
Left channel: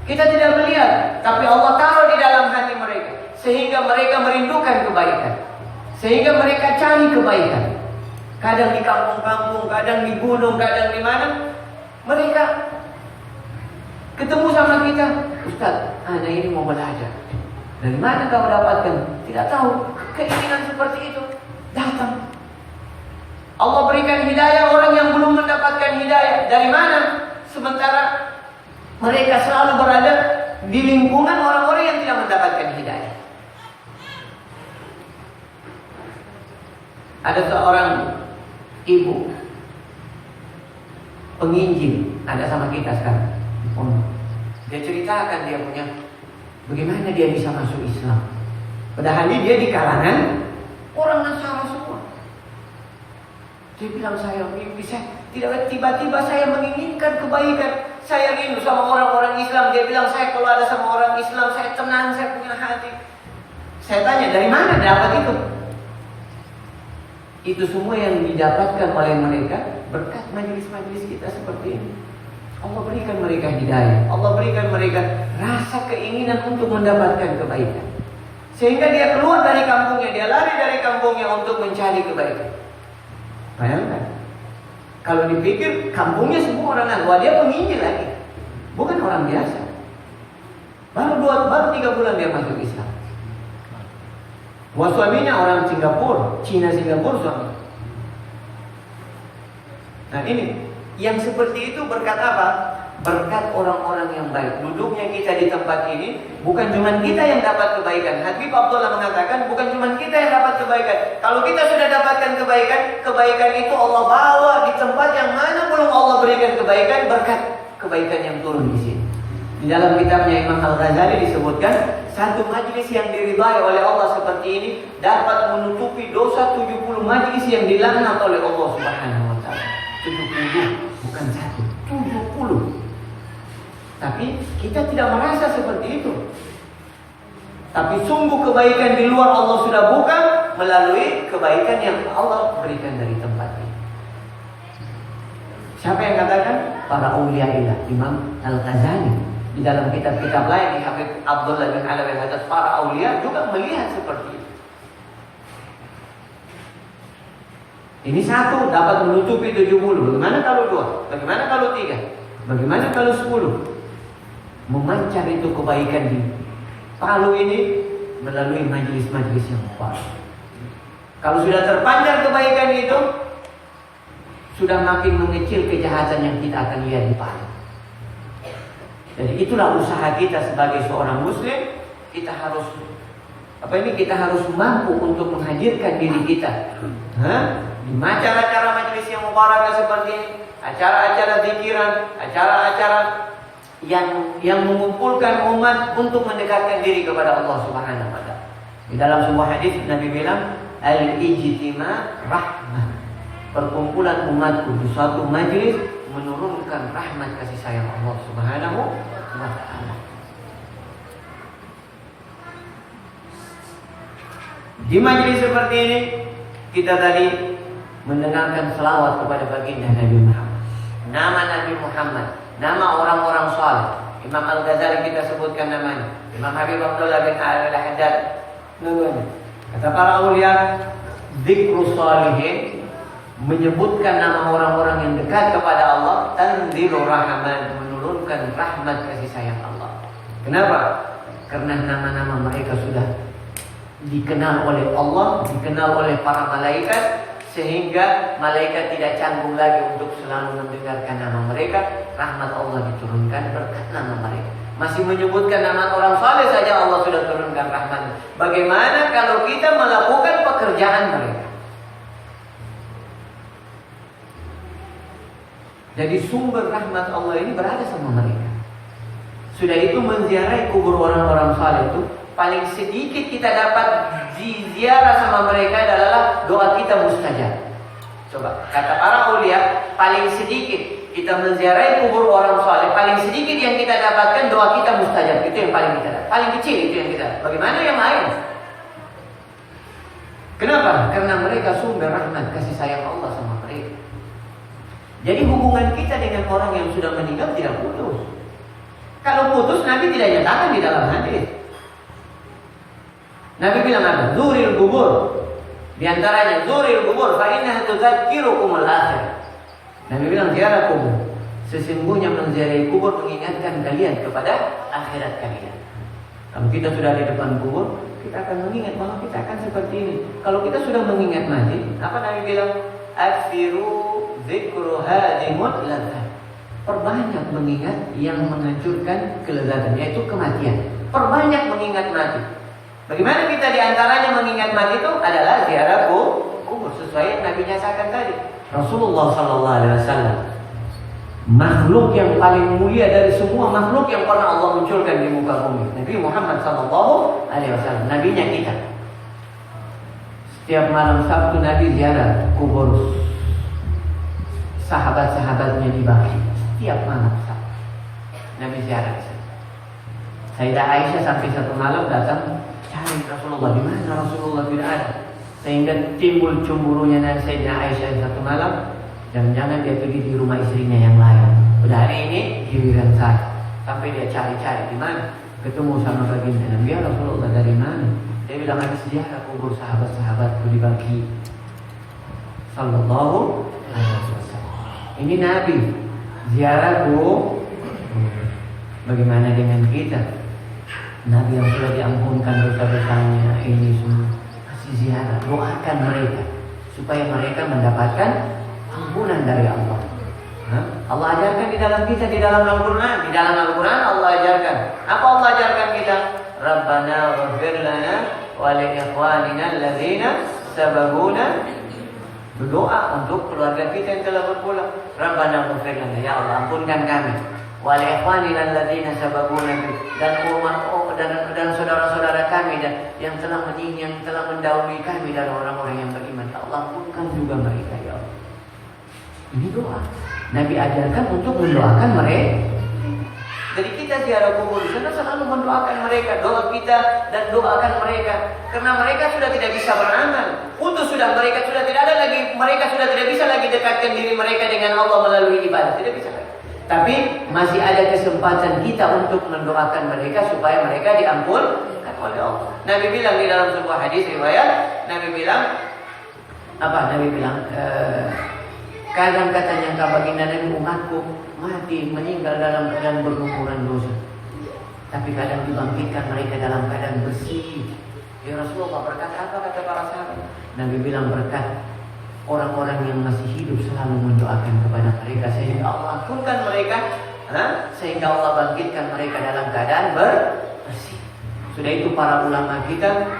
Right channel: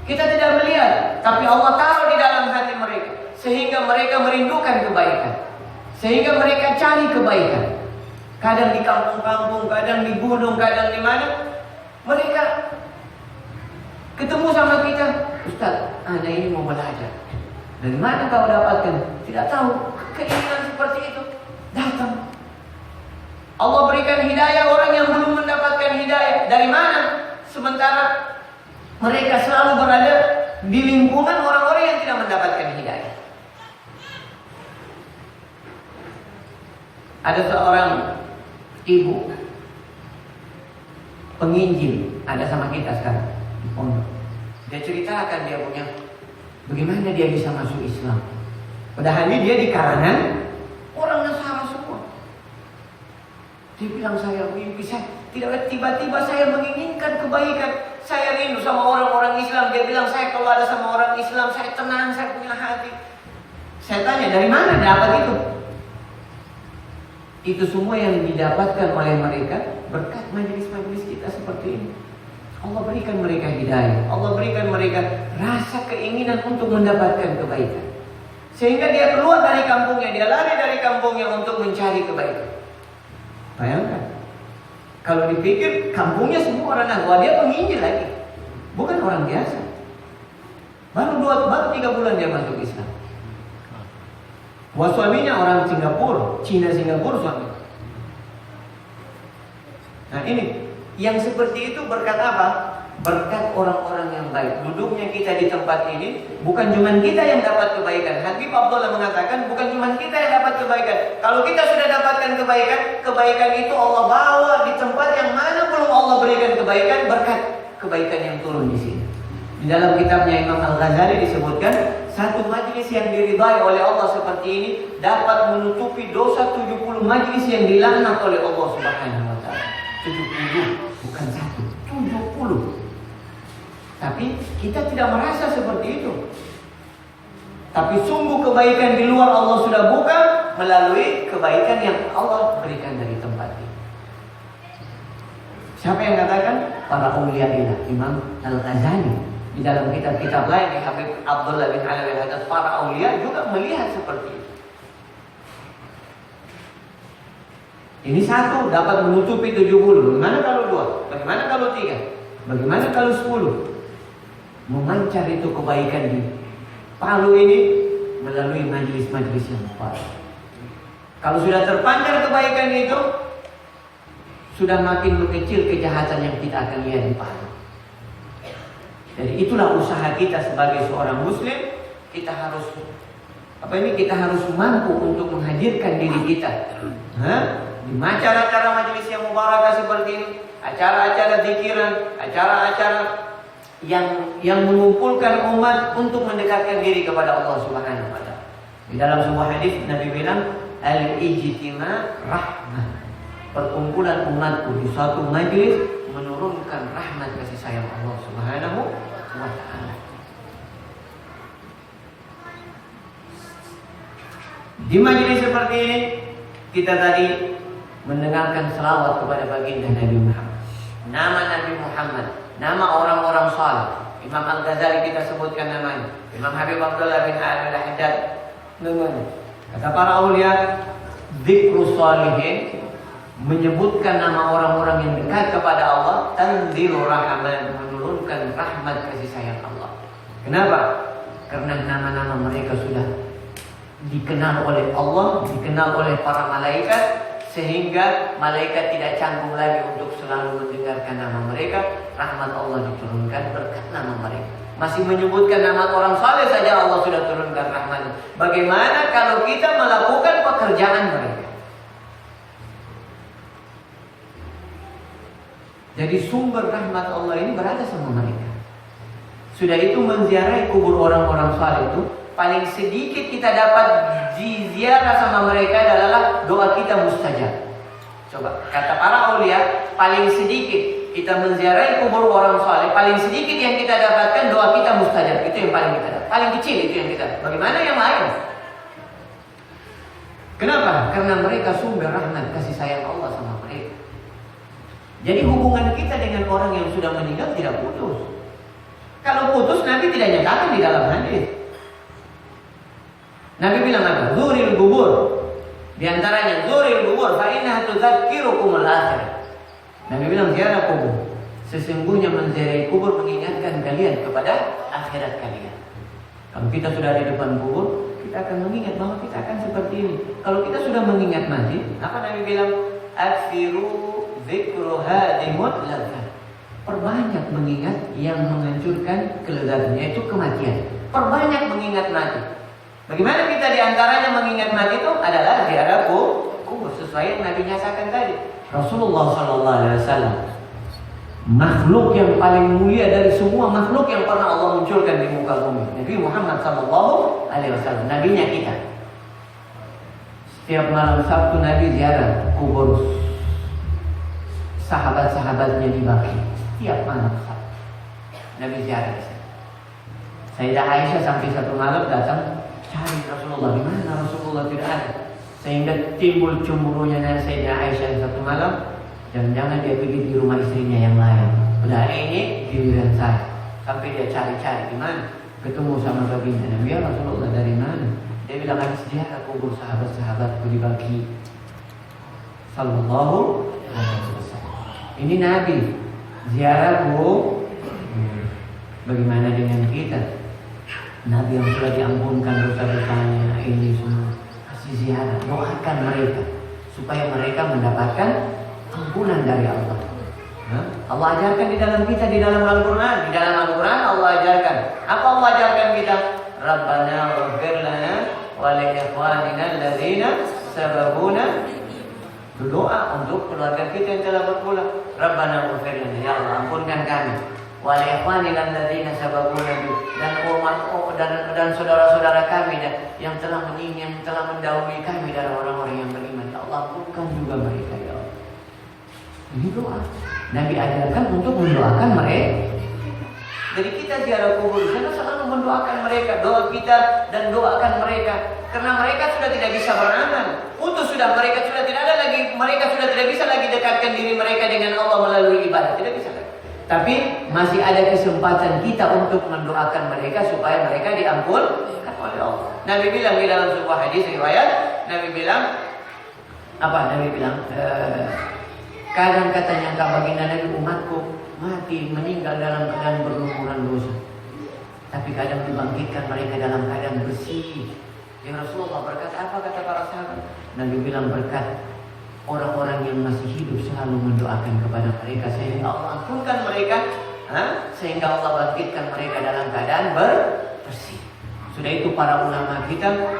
Kita tidak melihat, tapi Allah taruh di dalam hati mereka, sehingga mereka merindukan kebaikan, sehingga mereka cari kebaikan. Kadang di kampung-kampung, kadang di gunung, kadang di mana, mereka ketemu sama kita, Ustaz, anak ini mau belajar. Dari mana kau dapatkan? Tidak tahu. Keinginan seperti itu datang. Allah berikan hidayah orang yang belum mendapatkan hidayah. Dari mana? Sementara mereka selalu berada di lingkungan orang-orang yang tidak mendapatkan hidayah. Ada seorang ibu penginjil ada sama kita sekarang di pondok. Dia ceritakan dia punya bagaimana dia bisa masuk Islam. Padahal dia di kalangan orang Nasara semua. Dia bilang saya bisa tidak tiba-tiba saya menginginkan kebaikan. Saya rindu sama orang-orang Islam. Dia bilang saya kalau ada sama orang Islam saya tenang, saya punya hati. Saya tanya dari mana dapat itu? Itu semua yang didapatkan oleh mereka berkat majelis-majelis kita seperti ini. Allah berikan mereka hidayah. Allah berikan mereka rasa keinginan untuk mendapatkan kebaikan. Sehingga dia keluar dari kampungnya, dia lari dari kampungnya untuk mencari kebaikan. Bayangkan, kalau dipikir kampungnya semua orang Nagwa, dia penginjil lagi, bukan orang biasa. Baru 3 bulan dia masuk Islam. Wah, suaminya orang Singapura, Cina Singapura suami. Nah ini, yang seperti itu berkat apa? Berkat orang-orang yang baik. Duduknya kita di tempat ini, bukan cuma kita yang dapat kebaikan. Habib Abdullah mengatakan, bukan cuma kita yang dapat kebaikan. Kalau kita sudah dapatkan kebaikan, kebaikan itu Allah bawa di tempat yang mana belum Allah berikan kebaikan, berkat kebaikan yang turun di sini. Di dalam kitabnya Imam Al-Ghazali disebutkan, satu majlis yang diridai oleh Allah seperti ini dapat menutupi dosa 70 majlis yang dilaknat oleh Allah Subhanahu wa taala. 70, bukan 1, 70. Tapi kita tidak merasa seperti itu. Tapi sungguh kebaikan di luar Allah sudah buka melalui kebaikan yang Allah berikan dari tempat ini. Siapa yang katakan? Para aulia ilah. Imam Al-Ghazali di dalam kitab-kitab lain di Habib Abdullah bin Alawi Al-Haddad, para aulia juga melihat seperti itu. Ini satu dapat menutupi 70. Bagaimana kalau 2? Bagaimana kalau 3? Bagaimana kalau 10? Memancar itu kebaikan di Palu ini melalui majelis-majelis yang baik. Kalau sudah terpancar kebaikan itu, sudah makin mengecil kejahatan yang kita akan lihat di Palu. Jadi itulah usaha kita sebagai seorang muslim. Kita harus kita harus mampu untuk menghadirkan diri kita di acara-acara majelis yang mubarakah seperti ini, acara-acara zikiran, acara-acara yang mengumpulkan umat untuk mendekatkan diri kepada Allah Subhanahu wa taala. Di dalam sebuah hadis Nabi bilang, al-ijtima rahmah. Perkumpulan umatku di suatu majelis menurunkan rahmat kasih sayang Allah Subhanahu wa taala. Di majelis seperti ini kita tadi mendengarkan selawat kepada baginda Nabi Muhammad. Nama Nabi Muhammad, nama orang-orang saleh. Imam Al-Ghazali kita sebutkan namanya. Imam Habib Abdullah bin Ali Al-Haddad namanya. Kata para aulia, dzikrus shalihin, menyebutkan nama orang-orang yang dekat kepada Allah, tanzilu rahman, menurunkan rahmat kasih sayang Allah. Kenapa? Karena nama-nama mereka sudah dikenal oleh Allah, dikenal oleh para malaikat, sehingga malaikat tidak canggung lagi untuk selalu mendengarkan nama mereka. Rahmat Allah diturunkan berkat nama mereka. Masih menyebutkan nama orang saleh saja Allah sudah turunkan rahmat. Bagaimana kalau kita melakukan pekerjaan mereka? Jadi sumber rahmat Allah ini berada sama mereka. Sudah itu menziarahi kubur orang-orang saleh itu, paling sedikit kita dapat ziarah sama mereka adalah doa kita mustajab. Coba, kata para aulia, paling sedikit kita menziarahi kubur orang saleh, paling sedikit yang kita dapatkan doa kita mustajab. Itu yang paling kita dapat. Paling kecil itu yang kita dapat. Bagaimana yang lain? Kenapa? Karena mereka sumber rahmat kasih sayang Allah sama mereka. Jadi hubungan kita dengan orang yang sudah meninggal tidak putus. Kalau putus Nabi tidak nyatakan di dalam hadis. Nabi bilang apa? Zuril kubur. Di antaranya zuril kubur fa innaha tudzakirukumul akhir. Nabi bilang ziarah kubur. Sesungguhnya menziarahi kubur mengingatkan kalian kepada akhirat kalian. Kalau kita sudah di depan kubur, kita akan mengingat bahwa kita akan seperti ini. Kalau kita sudah mengingat mati, apa Nabi bilang? Afiru dzikru hadimul ladzat. Perbanyak mengingat yang menghancurkan kelezatan, yaitu kematian. Perbanyak mengingat mati. Bagaimana kita diantaranya mengingat mati itu adalah ziarah kubur. kubur sesuai yang Nabi nyatakan tadi. Rasulullah SAW makhluk yang paling mulia dari semua makhluk yang pernah Allah munculkan di muka bumi. Nabi Muhammad SAW, nabinya kita. Setiap malam Sabtu Nabi ziarah kubur sahabat-sahabatnya di Baqi. Setiap malam Sabtu Nabi ziarah di sana. Sayyidah Aisyah sampai satu malam datang cari Rasulullah, di mana Rasulullah tidak ada. Sehingga timbul cemburunya Sayyidah Aisyah satu malam. Jangan-jangan dia pergi di rumah istrinya yang lain. Udah hari ini giliran saya. Sampai dia cari-cari di mana. Ketemu sama baginda Nabi, ya Rasulullah dari mana? Dia bilang habis ziarah kubur sahabat-sahabat di Baqi. Sallallahu alaihi wasallam. Ini Nabi ziarah kubur. Bagaimana dengan kita? Nabi yang sudah diampunkan dosa-dosanya ini semua kasih ziarah, doakan mereka supaya mereka mendapatkan ampunan dari Allah. Allah ajarkan di dalam kita, di dalam Al-Quran. Di dalam Al-Quran Allah ajarkan. Apa Allah ajarkan kita? Rabbana waghfir lana wa li ikhwanina alladzina sabaquna. Berdoa untuk keluarga kita yang telah berpulang. Rabbana waghfir lana, ya Allah ampunkan kami. Wa li ikhwanina alladzina sabaquna, dan saudara-saudara kami yang telah mendahului kami dari orang-orang yang beriman. Ya Allah ampunkan juga mereka, ya Allah. Ini doa. Nabi ajarkan untuk mendoakan mereka. Jadi kita ziarah kubur kita selalu mendoakan mereka, doa kita dan doakan mereka, karena mereka sudah tidak bisa beramal. Mereka sudah tidak bisa lagi dekatkan diri mereka dengan Allah melalui ibadah, tidak bisa lagi. Tapi masih ada kesempatan kita untuk mendoakan mereka supaya mereka diampunkan oleh Allah. Nabi bilang di dalam sebuah hadis riwayat, Nabi bilang kadang katanya baginda Nabi, umatku mati meninggal dalam keadaan berlumuran dosa, tapi kadang dibangkitkan mereka dalam keadaan bersih. Ya Rasulullah, berkat apa kata para sahabat? Nabi bilang berkat orang-orang yang masih hidup selalu mendoakan kepada mereka sehingga Allah ampunkan mereka, sehingga Allah bangkitkan mereka dalam keadaan bersih. Sudah itu para ulama kita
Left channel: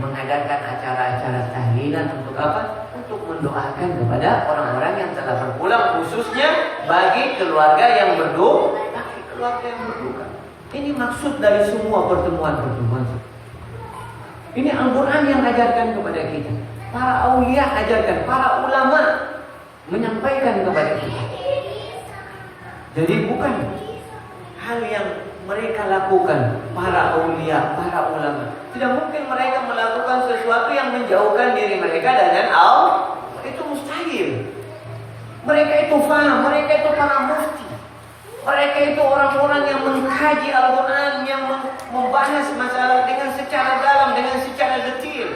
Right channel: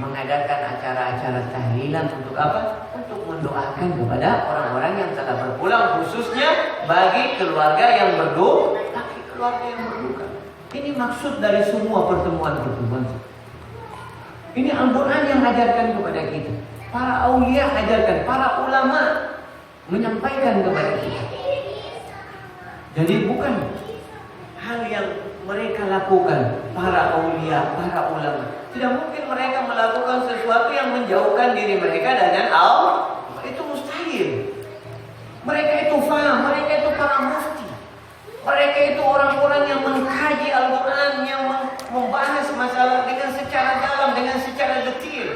mengadakan acara-acara tahlilan untuk apa? Untuk mendoakan kepada orang-orang yang telah berpulang, khususnya bagi keluarga yang berduka. Ini maksud dari semua pertemuan-pertemuan. Ini Al-Quran yang ajarkan kepada kita. Para aulia ajarkan, para ulama menyampaikan kepada kita. Jadi bukan hal yang mereka lakukan, para aulia, para ulama. Tidak mungkin mereka melakukan sesuatu yang menjauhkan diri mereka dengan Allah. Itu mustahil. Mereka itu faham, mereka itu para mufti. Mereka itu orang-orang yang mengkaji Al-Quran, yang membahas masalah dengan secara dalam, dengan secara detail.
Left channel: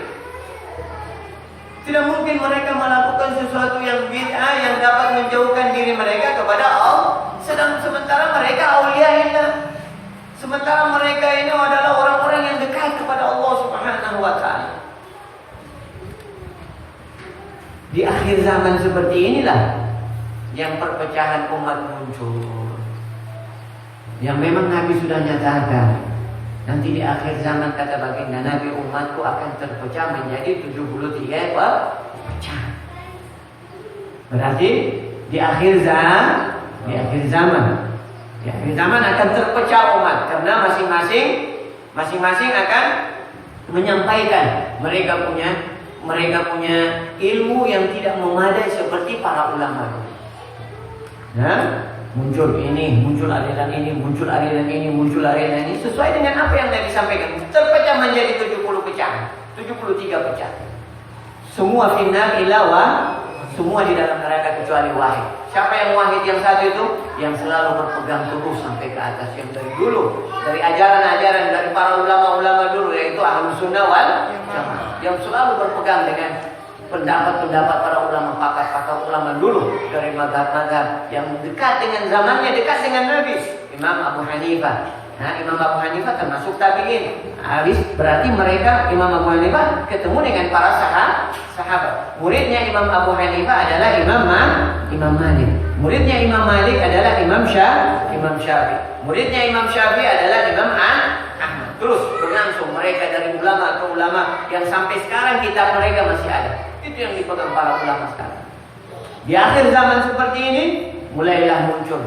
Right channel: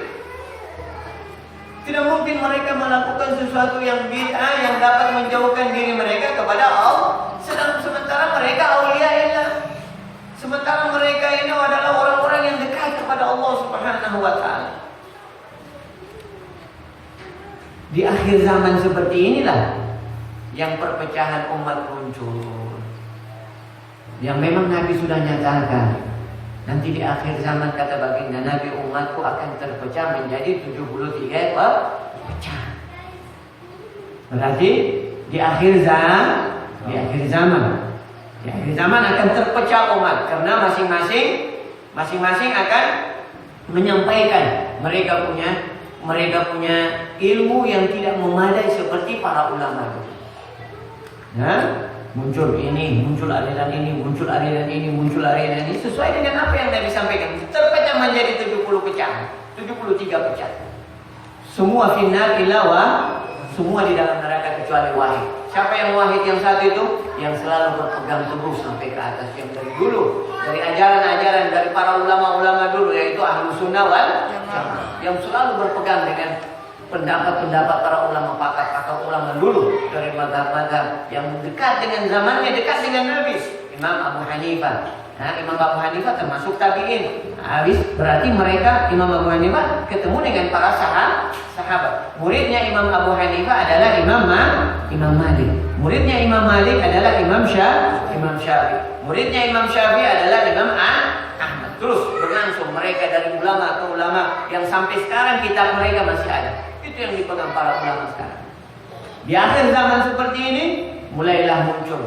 Tidak mungkin mereka melakukan sesuatu yang bid'ah yang dapat menjauhkan diri mereka kepada Allah. Sementara mereka auliaillah. Sementara mereka ini adalah orang-orang yang dekat kepada Allah Subhanahu wa ta'ala. Di akhir zaman seperti inilah yang perpecahan umat muncul. Yang memang Nabi sudah nyatakan, nanti di akhir zaman kata baginda Nabi, umatku akan terpecah menjadi 73 pecah. Berarti di akhir zaman akan terpecah umat, karena masing-masing akan menyampaikan mereka punya ilmu yang tidak memadai seperti para ulama. Muncul ini, muncul aliran ini, muncul aliran ini, muncul aliran ini, sesuai dengan apa yang Nabi sampaikan. Terpecah menjadi 70 pecah, 73 pecah. Semua finnar ilawa, semua di dalam neraka kecuali wahid. Siapa yang wahid yang satu itu? Yang selalu berpegang teguh sampai ke atas, yang dari dulu, dari ajaran-ajaran dari para ulama-ulama dulu, yaitu Ahlus Sunnah wal Jamaah, yang selalu berpegang dengan pendapat-pendapat para ulama, pakar ulama dulu dari mazhab-mazhab yang dekat dengan zamannya, dekat dengan Nabi. Imam Abu Hanifah. Nah, Imam Abu Hanifah termasuk tabi'in. Habis berarti mereka Imam Abu Hanifah ketemu dengan para sahabat. Muridnya Imam Abu Hanifah adalah Imam Malik. Muridnya Imam Malik adalah Imam Syafi'i. Muridnya Imam Syafi'i adalah Imam Ahmad. Terus berlangsung mereka dari ulama ke ulama yang sampai sekarang kitab mereka masih ada. Itu yang dipegang para ulama sekarang. Di akhir zaman seperti ini mulailah muncul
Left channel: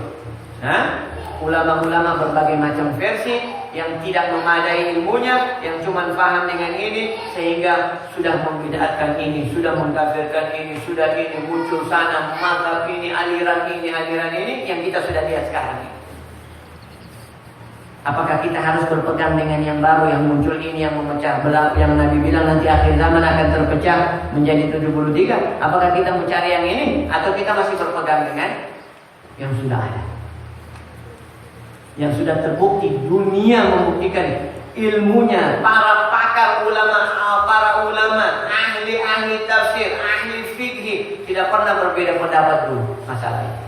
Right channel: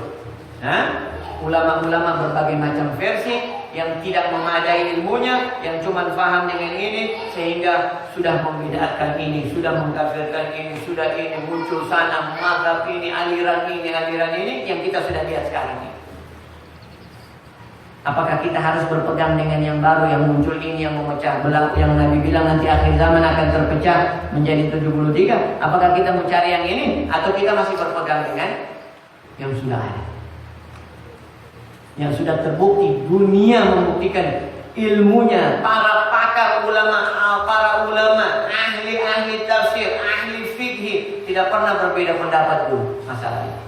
ulama-ulama berbagai macam versi yang tidak memadai ilmunya, yang cuma paham dengan ini sehingga sudah membidatkan ini, sudah mengkafirkan ini, sudah ini muncul sana mazhab ini, aliran ini yang kita sudah lihat sekarang ini. Apakah kita harus berpegang dengan yang baru yang muncul ini yang memecah belah, yang Nabi bilang nanti akhir zaman akan terpecah menjadi 73? Apakah kita mencari yang ini atau kita masih berpegang dengan yang sudah ada? Yang sudah terbukti, dunia membuktikan ilmunya, para pakar ulama, ahli tafsir, ahli fikih tidak pernah berbeda pendapat dulu masalah ini.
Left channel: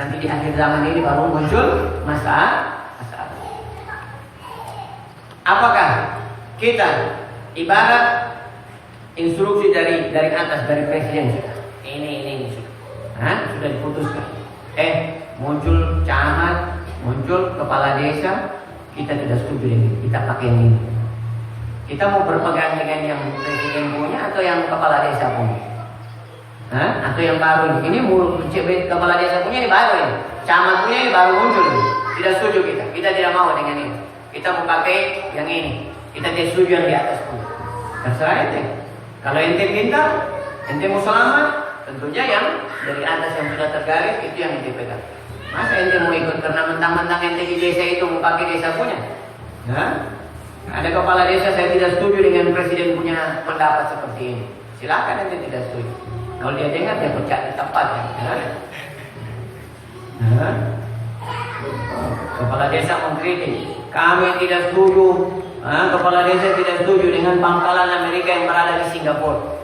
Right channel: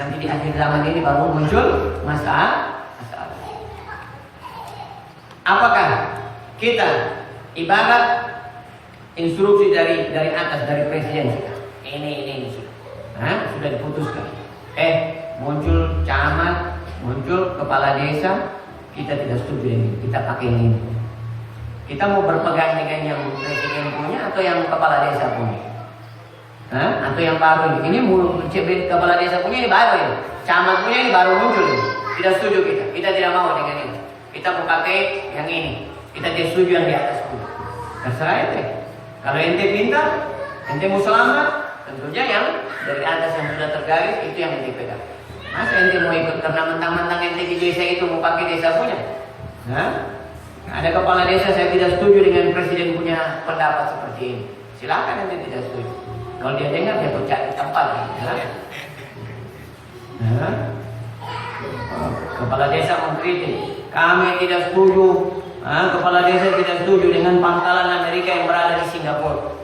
Nanti di akhir zaman ini baru muncul masalah. Apakah kita ibarat instruksi dari atas, dari presiden sudah ini sudah diputuskan, muncul camat, muncul kepala desa, kita tidak setuju ini, kita pakai ini. Kita mau berpegang dengan yang presiden punya atau yang kepala desa punya? Atau yang baru ini? Ini kepala desa punya ini baru ini, camat punya ini baru muncul ini. Tidak setuju kita tidak mau dengan ini. Kita mau pakai yang ini. Kita tidak setuju yang di atas itu. Terserah ente. Kalau ente pintar, ente mau selamat, tentunya yang dari atas yang sudah tergaris itu yang ente pegang. Masa ente mau ikut karena mentang-mentang ente di desa itu mau pakai desa punya? Ada kepala desa saya tidak setuju dengan presiden punya pendapat seperti ini. Silakan ente tidak setuju. Kalau dia dengar dia pecat di tempat. Kepala desa mengkritik, kami tidak setuju. Kepala desa tidak setuju dengan pangkalan Amerika yang berada di Singapura.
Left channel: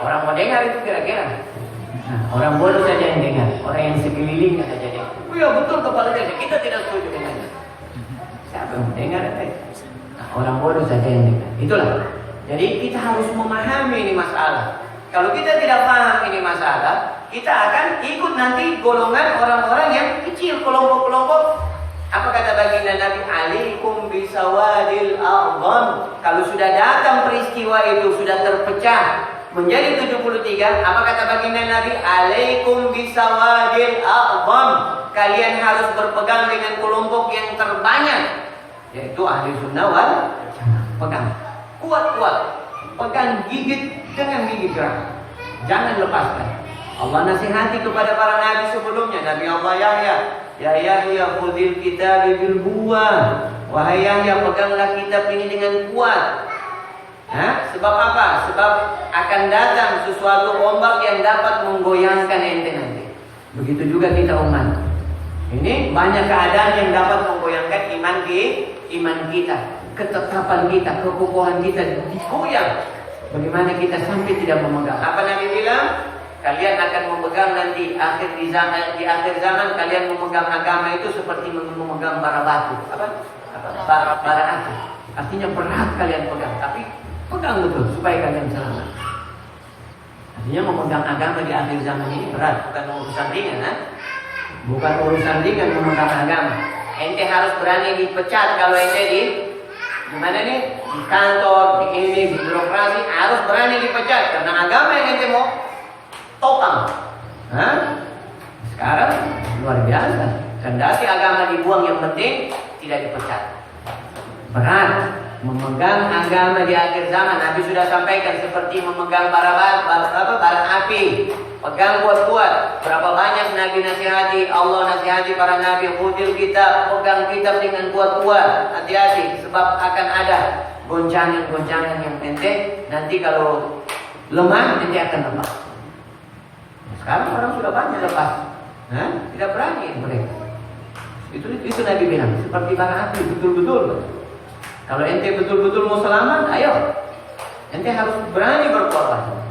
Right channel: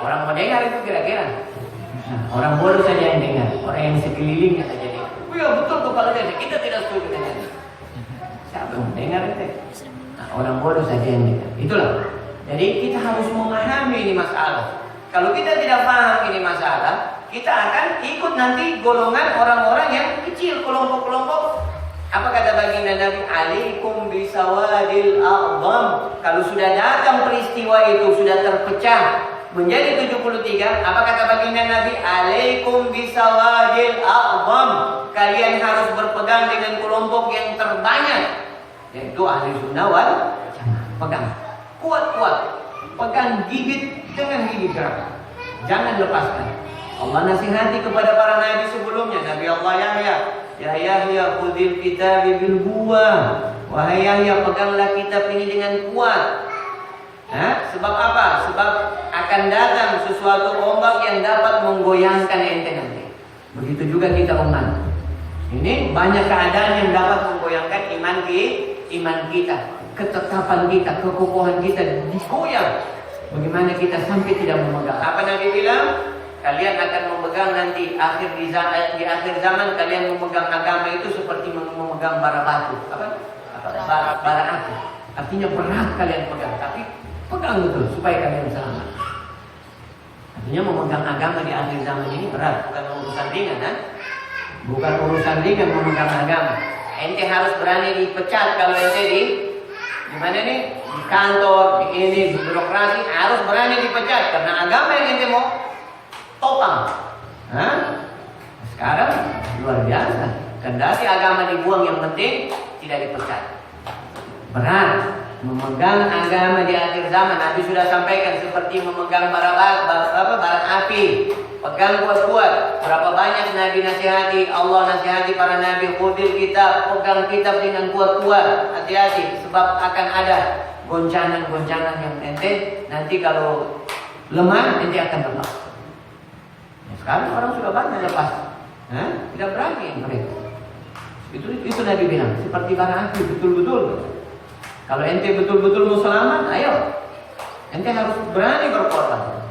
Orang mendengar itu kira-kira. Orang bodoh saja yang dengar, orang yang sekelilingnya saja dengar. Iya betul kepala desa, kita tidak setuju dengan itu. Siapa yang mendengar itu? Orang bodoh saja yang dengar. Itulah. Jadi kita harus memahami ini masalah. Kalau kita tidak paham ini masalah, kita akan ikut nanti golongan orang-orang yang kecil, kelompok-kelompok. Apa kata baginda Nabi? Alaikum bisawadil a'zam. Kalau sudah datang peristiwa itu, sudah terpecah menjadi 73, apa kata baginda Nabi? Alaikum bisawadil a'zam. Kalian harus berpegang dengan kelompok yang terbanyak, yaitu ahli sunnah wal jamaah. Pegang kuat-kuat, pegang gigit dengan gigi keras, jangan lepaskan. Allah nasihati kepada para nabi sebelumnya. Nabi Allah Yahya, ya Yahya khudhil kitab bil quwwah. Wahai Yahya, peganglah kitab ini dengan kuat. Sebab apa? Sebab akan datang sesuatu ombak yang dapat menggoyangkan ente nanti. Begitu juga kita umat. Ini banyak keadaan yang dapat menggoyangkan iman kita, ketetapan kita, kekokohan kita digoyang. Bagaimana kita sampai tidak memegang? Apa Nabi bilang? Kalian akan memegang nanti di akhir zaman kalian memegang agama itu seperti memegang bara batu. Bara api. Artinya berat kalian pegang, tapi pegang betul supaya kalian selamat. Artinya memegang agama di akhir zaman ini berat, bukan urusan ringan, bukan urusan ringan memegang agama. Ente harus berani dipecat kalau ente di mana nih? Di kantor, di ini, di birokrasi harus berani dipecat karena agama yang ente mau topang. Sekarang luar biasa. Kendati agama dibuang, yang penting tidak dipecat. Berat memegang agama di akhir zaman. Nabi sudah sampaikan seperti memegang bara api. Pegang kuat-kuat. Berapa banyak Nabi nasihati, Allah nasihati para Nabi, khudil kitab, pegang kitab dengan kuat-kuat. Hati-hati, sebab akan ada goncangan-goncangan yang ente nanti kalau lemah ente akan lepas. Sekarang orang sudah banyak lepas, tidak berani mereka. Itu Nabi bilang seperti bara api, betul-betul. Kalau ente betul-betul mau selamat, ayo, ente harus berani berkorban.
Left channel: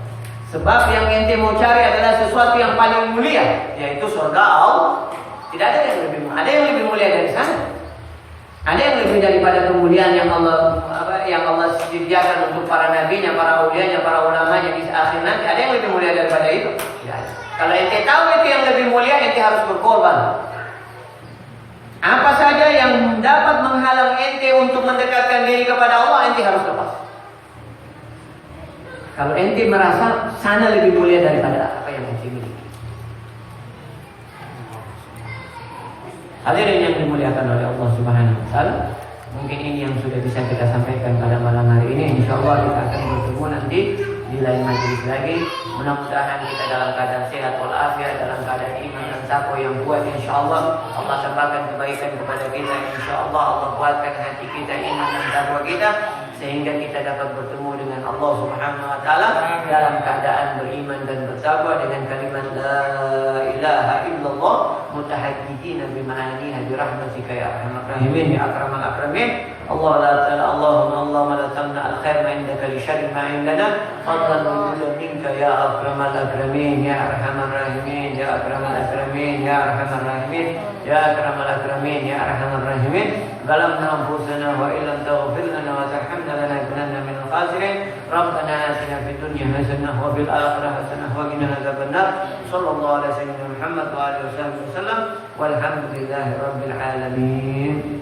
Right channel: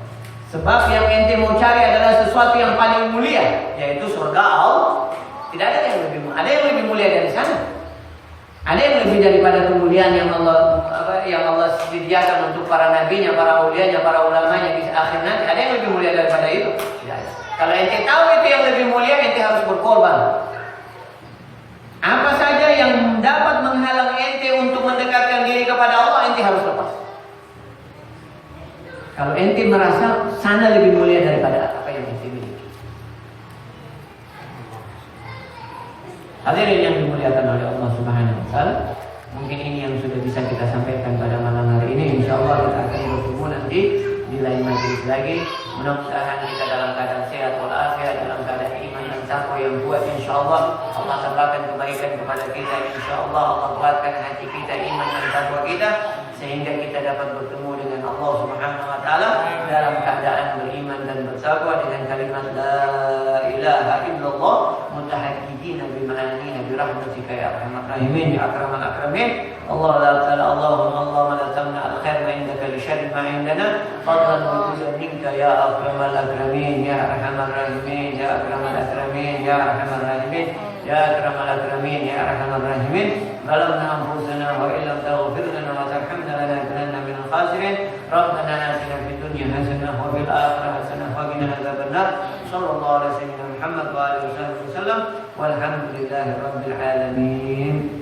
Sebab yang ente mau cari adalah sesuatu yang paling mulia, yaitu surga Allah. Tidak ada yang lebih, ada yang lebih mulia dari sana. Ada yang lebih daripada kemuliaan yang Allah sediakan untuk para nabinya, para aulianya, para ulamanya di akhir nanti. Ada yang lebih mulia daripada itu? Tidak ada. Kalau ente tahu itu yang lebih mulia, ente harus berkorban. Apa saja yang dapat menghalang ente untuk mendekatkan diri kepada Allah, ente harus lepas. Kalau ente merasa sana lebih mulia daripada apa yang ente miliki. Hadirin yang dimuliakan oleh Allah Subhanahu wa taala, mungkin ini yang sudah bisa kita sampaikan pada malam hari ini. Insyaallah kita akan bertemu nanti di lain majelis lagi. Mudah-mudahan kita dalam keadaan sehat walafiat, dalam keadaan iman dan takwa yang kuat. Insyaallah Allah tambahkan kebaikan kepada kita. Insyaallah Allah kuatkan hati kita, iman dan takwa kita, sehingga kita dapat bertemu dengan Allah Subhanahu wa taala dalam keadaan beriman dan bertakwa dengan kalimat la ilaha illallah mutahajjidina bima'aniha birahmatika ya arhamar rahimin ya akramal akramin. Allah la ta'ala Allahumma la tamna al-khair ma indaka li syarri ma indana fadlan wa judan minka ya akramal akramin ya arhamar rahimin ya akramal akramin ya arhamar rahimin ya akramal akramin ya arhamar rahimin. Balamna anfusana wa illam taghfir lana wa tarhamna lanakunanna minal khasirin. Rabbana atina fid dunya hasanah wa fil akhirati hasanah wa qina adzabannar. Sallallahu alaihi wasallam Muhammad wa alihi wasallam walhamdulillahi rabbil alamin.